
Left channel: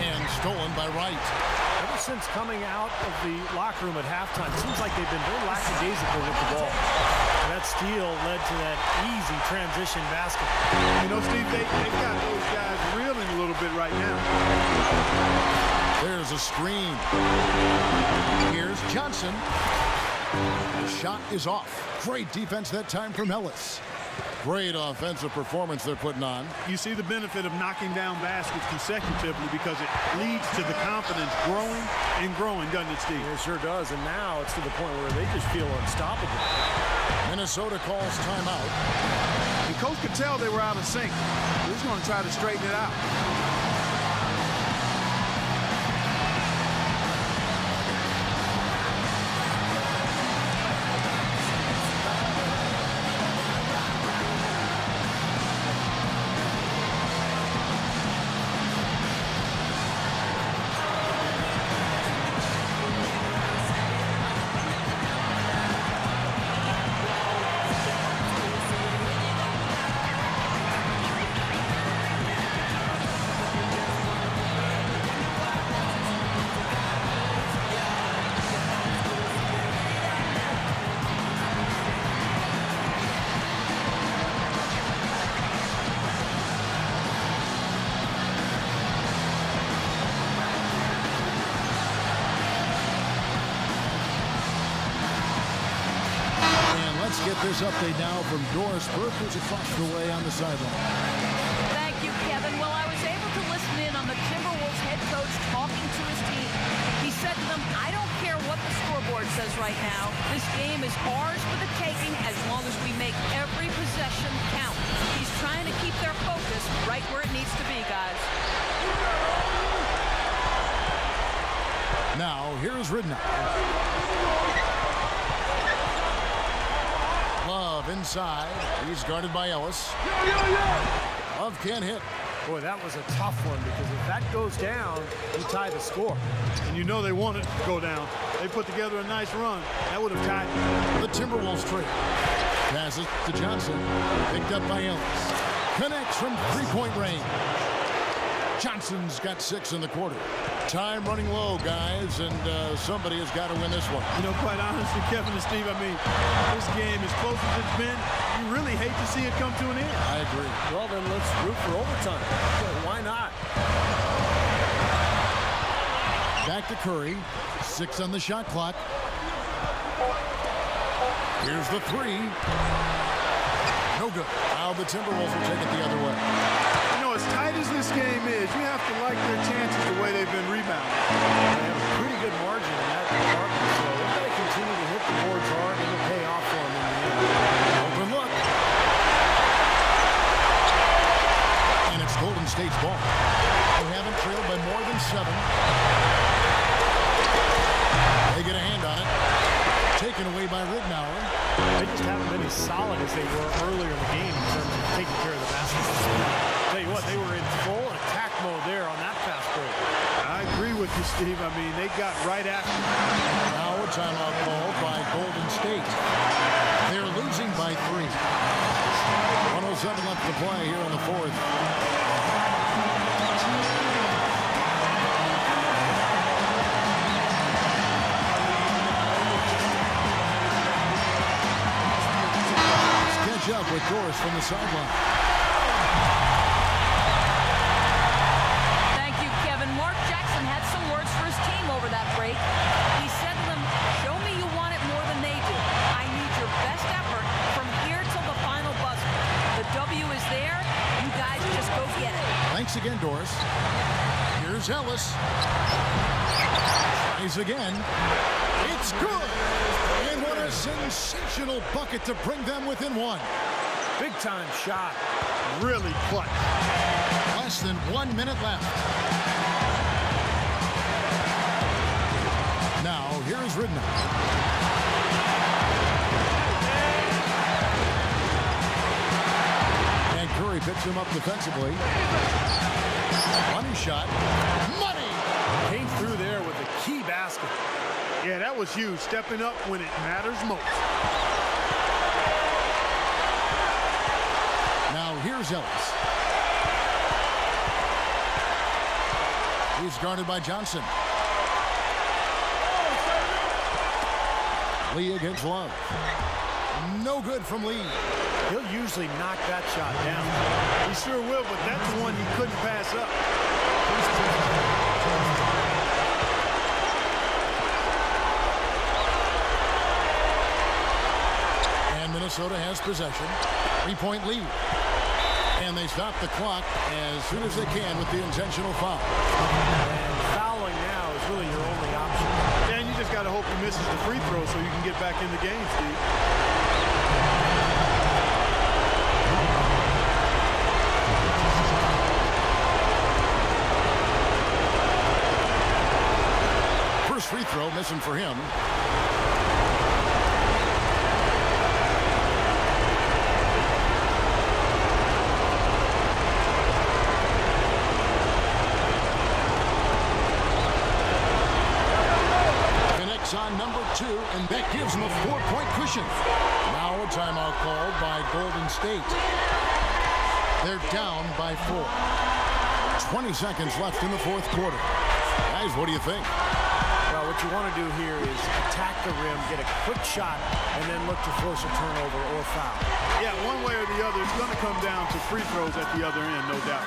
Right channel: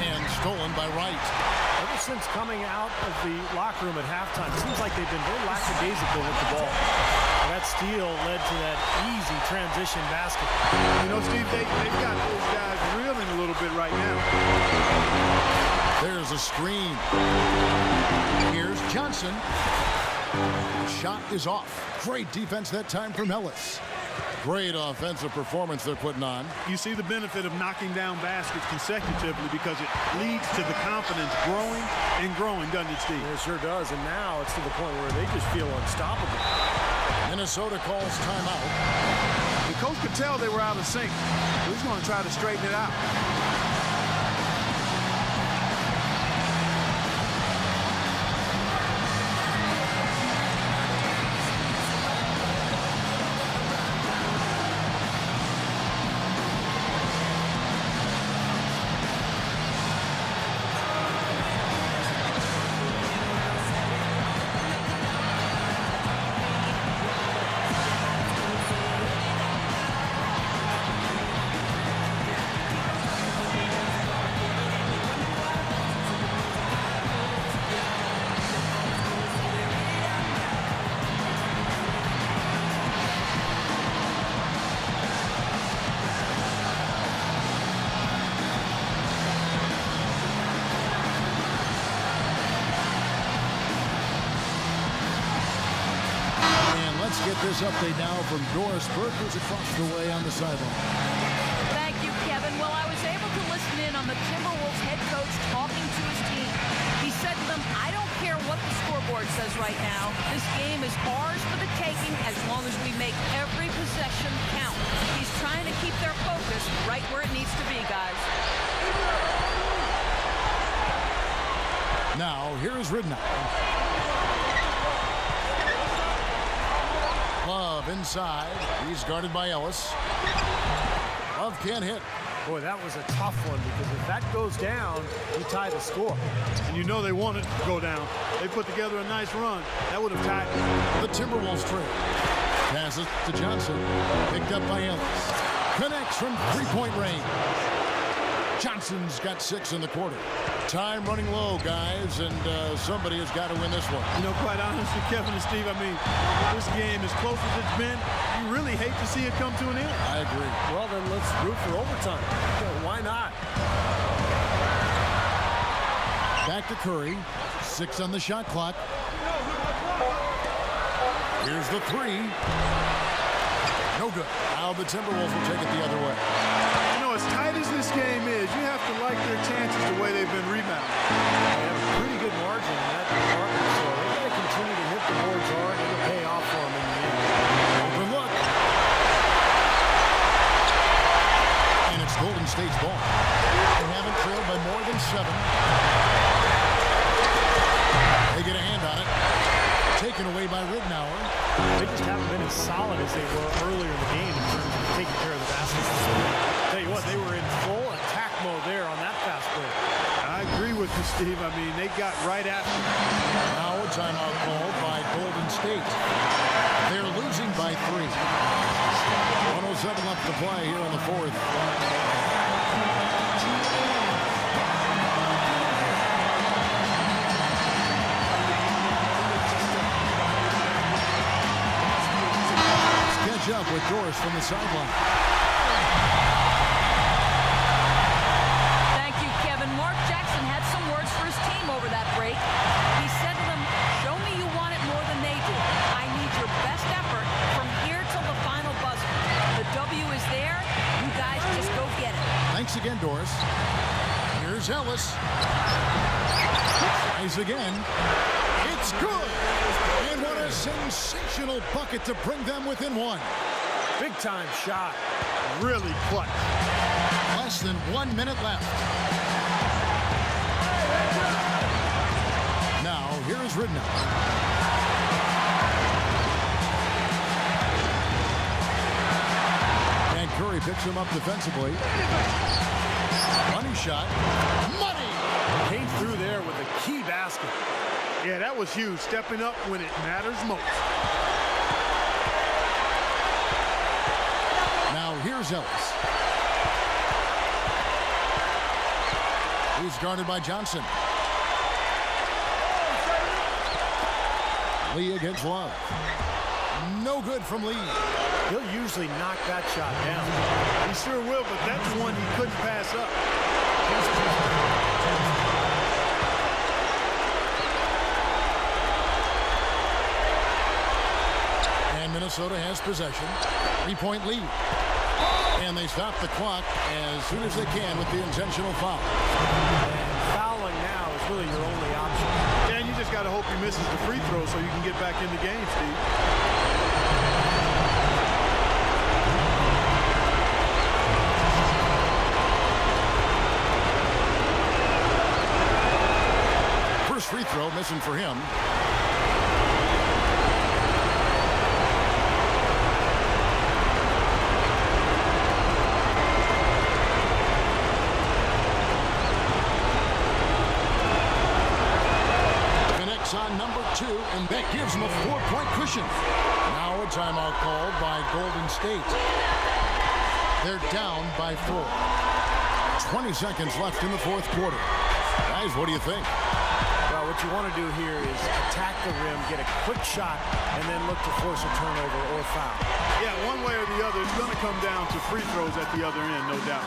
And stolen by Wright. Ever since coming out of the locker room at halftime, it seems like they've been very lackadaisical with the ball. And that steal led to that easy transition basket. You know, Steve, they've got those guys reeling a little bit right now. There's a screen. Here's Johnson. The shot is off. Great defense that time from Ellis. Great offensive performance they're putting on. You see the benefit of knocking down baskets consecutively because it leads to the confidence growing and growing, doesn't it, Steve? It sure does, and now it's to the point where they just feel unstoppable. Minnesota calls timeout. And Coach could tell they were out of sync. He's going to try to straighten it out. Let's get this update now from Doris Burke, who's across the way on the sideline. Thank you, Kevin. Well, I was able to listen in on the Timberwolves head coach talking to his team. He said to them, I don't care what the scoreboard says right now. This game is ours for the taking as long as we make every possession count. He's trying to keep their focus right where it needs to be, guys. Now, here's Ridnour. Love inside. He's guarded by Ellis. Love can't hit. Boy, that was a tough one because if that goes down, you tie the score. And you know they wanted it to go down. They put together a nice run. That would have tied it. The Timberwolves trail. Passes to Johnson. Picked up by Ellis. Connects from three-point range. Johnson's got 6 in the quarter. Time running low, guys, and somebody has got to win this one. You know, quite honestly, Kevin and Steve, I mean, this game, as close as it's been, you really hate to see it come to an end. I agree. Well, then let's root for overtime. Why not? Back to Curry. 6 on the shot clock. Here's the 3. No good. Now the Timberwolves will take it the other way. You know, as tight as this game is, you have to like their chances the way they've been rebounding. They have a pretty good margin in that department, so they've got to continue to hit the boards hard, and it'll pay off for them in the end. Open look. And it's Golden State's ball. They haven't trailed by more than 7. They get a hand on it. Taken away by Ridnour. They just haven't been as solid as they were earlier in the game in terms of taking care of the basketball. Tell you what, they were in full attack mode there on that fast break. I agree with you, Steve. I mean, they got right after it. Now a timeout called by Golden State. They're losing by 3. 107 left to play here in the fourth. Catch up with Doris from the sideline. Thank you, Kevin. Mark Jackson had some words for his team over that break. He said to them, show me you want it more than they do. I need your best effort from here till the final buzzer. The W is there. You guys just go get it. Thanks again, Doris. Here's Ellis. Tries again. It's good. And what a sensational bucket to bring them within 1. Big time shot. Really clutch. Less than 1 minute left. Now, here's Ridnour. And Curry picks him up defensively. Money shot. Money! Came through there with a key basket. Yeah, that was huge. Stepping up when it matters most. Now here's Ellis. He's guarded by Johnson. Lee against Love. No good from Lee. He'll usually knock that shot down. He sure will, but that's one he couldn't pass up. And Minnesota has possession. 3-point lead. And they stop the clock as soon as they can with the intentional foul. And fouling now is really your only option. And you just got to hope he misses the free throw so you can get back in the game, Steve. First free throw missing for him. On number 2, and that gives them a 4-point cushion. Now a timeout called by Golden State. They're down by 4. 20 seconds left in the fourth quarter. Guys, what do you think? Well, what you want to do here is attack the rim, get a quick shot, and then look to force a turnover or foul. Yeah, one way or the other, it's going to come down to free throws at the other end, no doubt.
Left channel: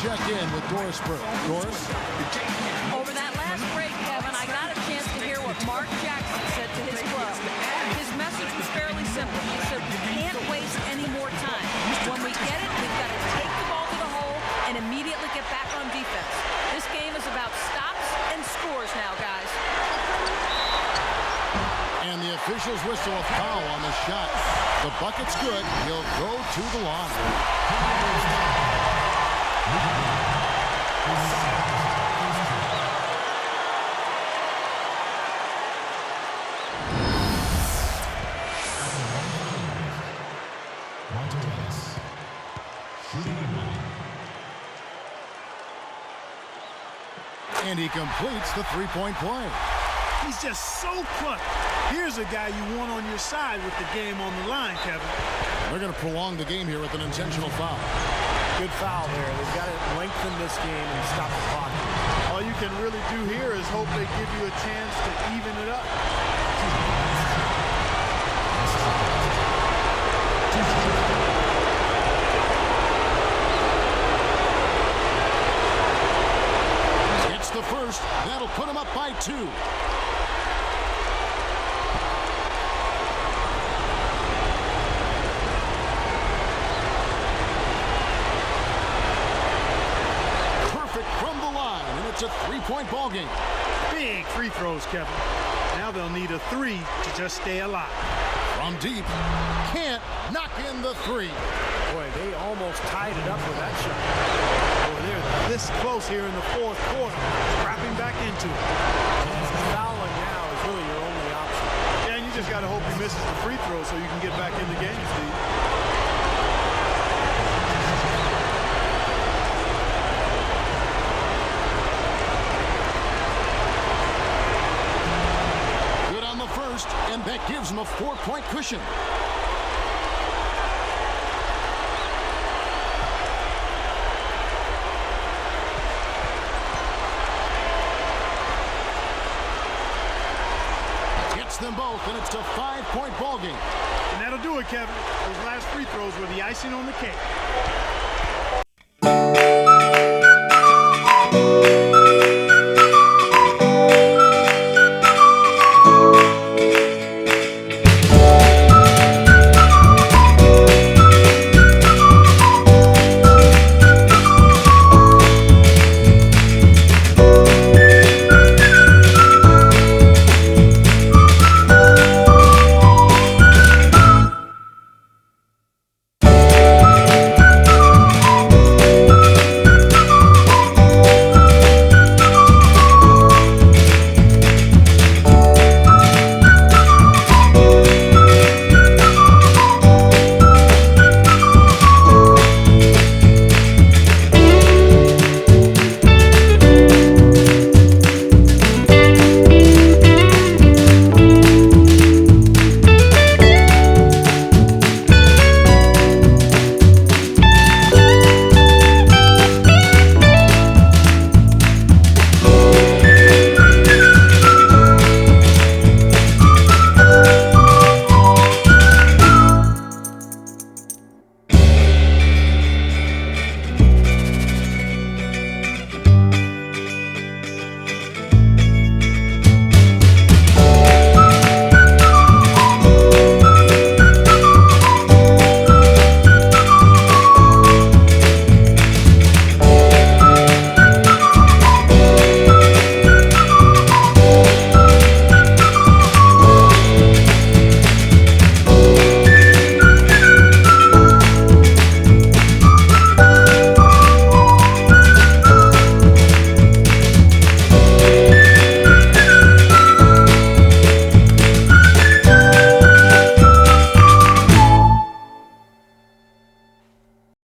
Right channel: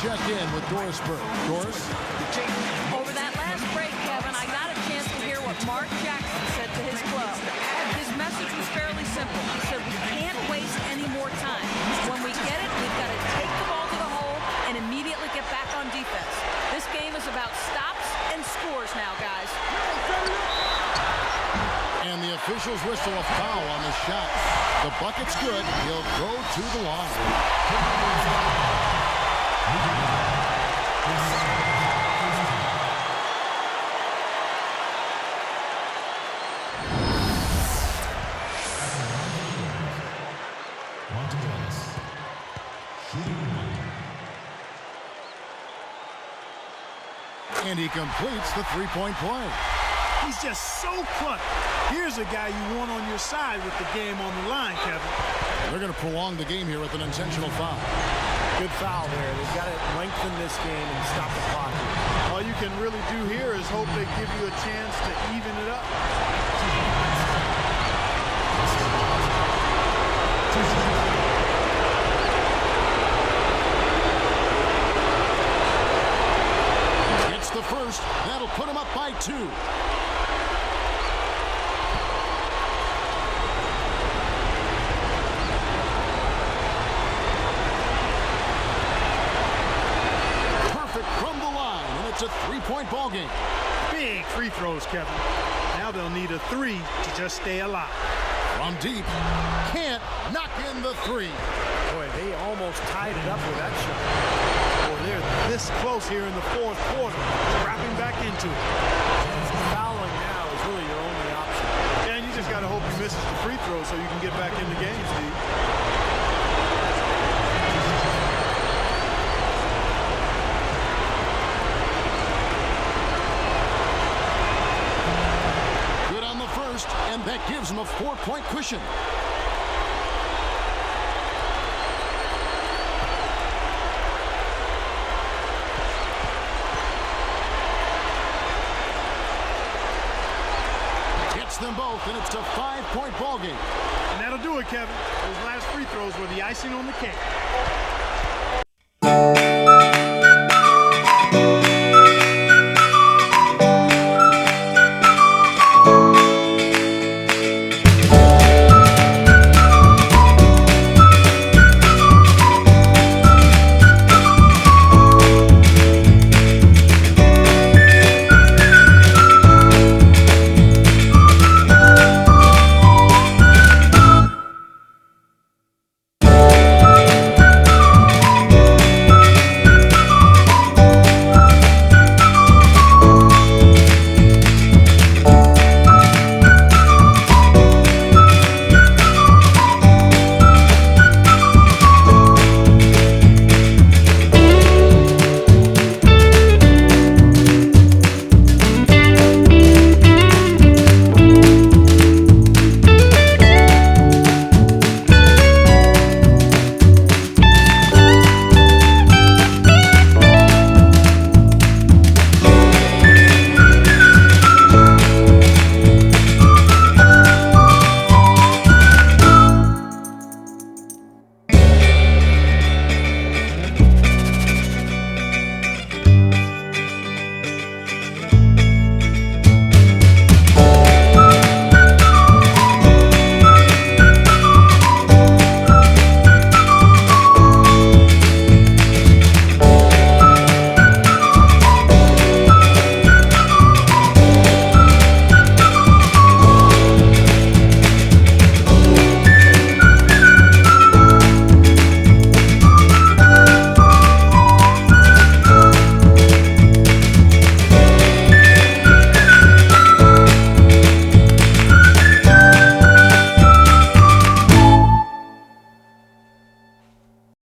Check in with Doris Burke. Doris? Over that last break, Kevin, I got a chance to hear what Mark Jackson said to his club. His message was fairly simple. He said, we can't waste any more time. When we get it, we've got to take the ball to the hole and immediately get back on defense. This game is about stops and scores now, guys. And the officials whistle a foul on the shot. The bucket's good. He'll go to the line. And he completes the three-point play. He's just so clutch. Here's a guy you want on your side with the game on the line, Kevin. They're going to prolong the game here with an intentional foul. Good foul there. They've got to lengthen this game and stop the clock here. All you can really do here is hope they give you a chance to even it up. Missed the first. That'll put him up by 2. Perfect from the line, and it's a 3-point ball game. Big free throws, Kevin. Now they'll need a 3 to just stay alive. From deep, can't knock in the 3. Boy, they almost tied it up with that shot. Boy, they're this close here in the fourth quarter, scrapping back into it. And fouling now is really your only option. Yeah, and you just got to hope he misses the free throw so you can get back in the game, Steve. Good on the first, and that gives him a 4-point cushion. Gets them both, and it's a 5-point ball game. And that'll do it, Kevin. Those last free throws were the icing on the cake.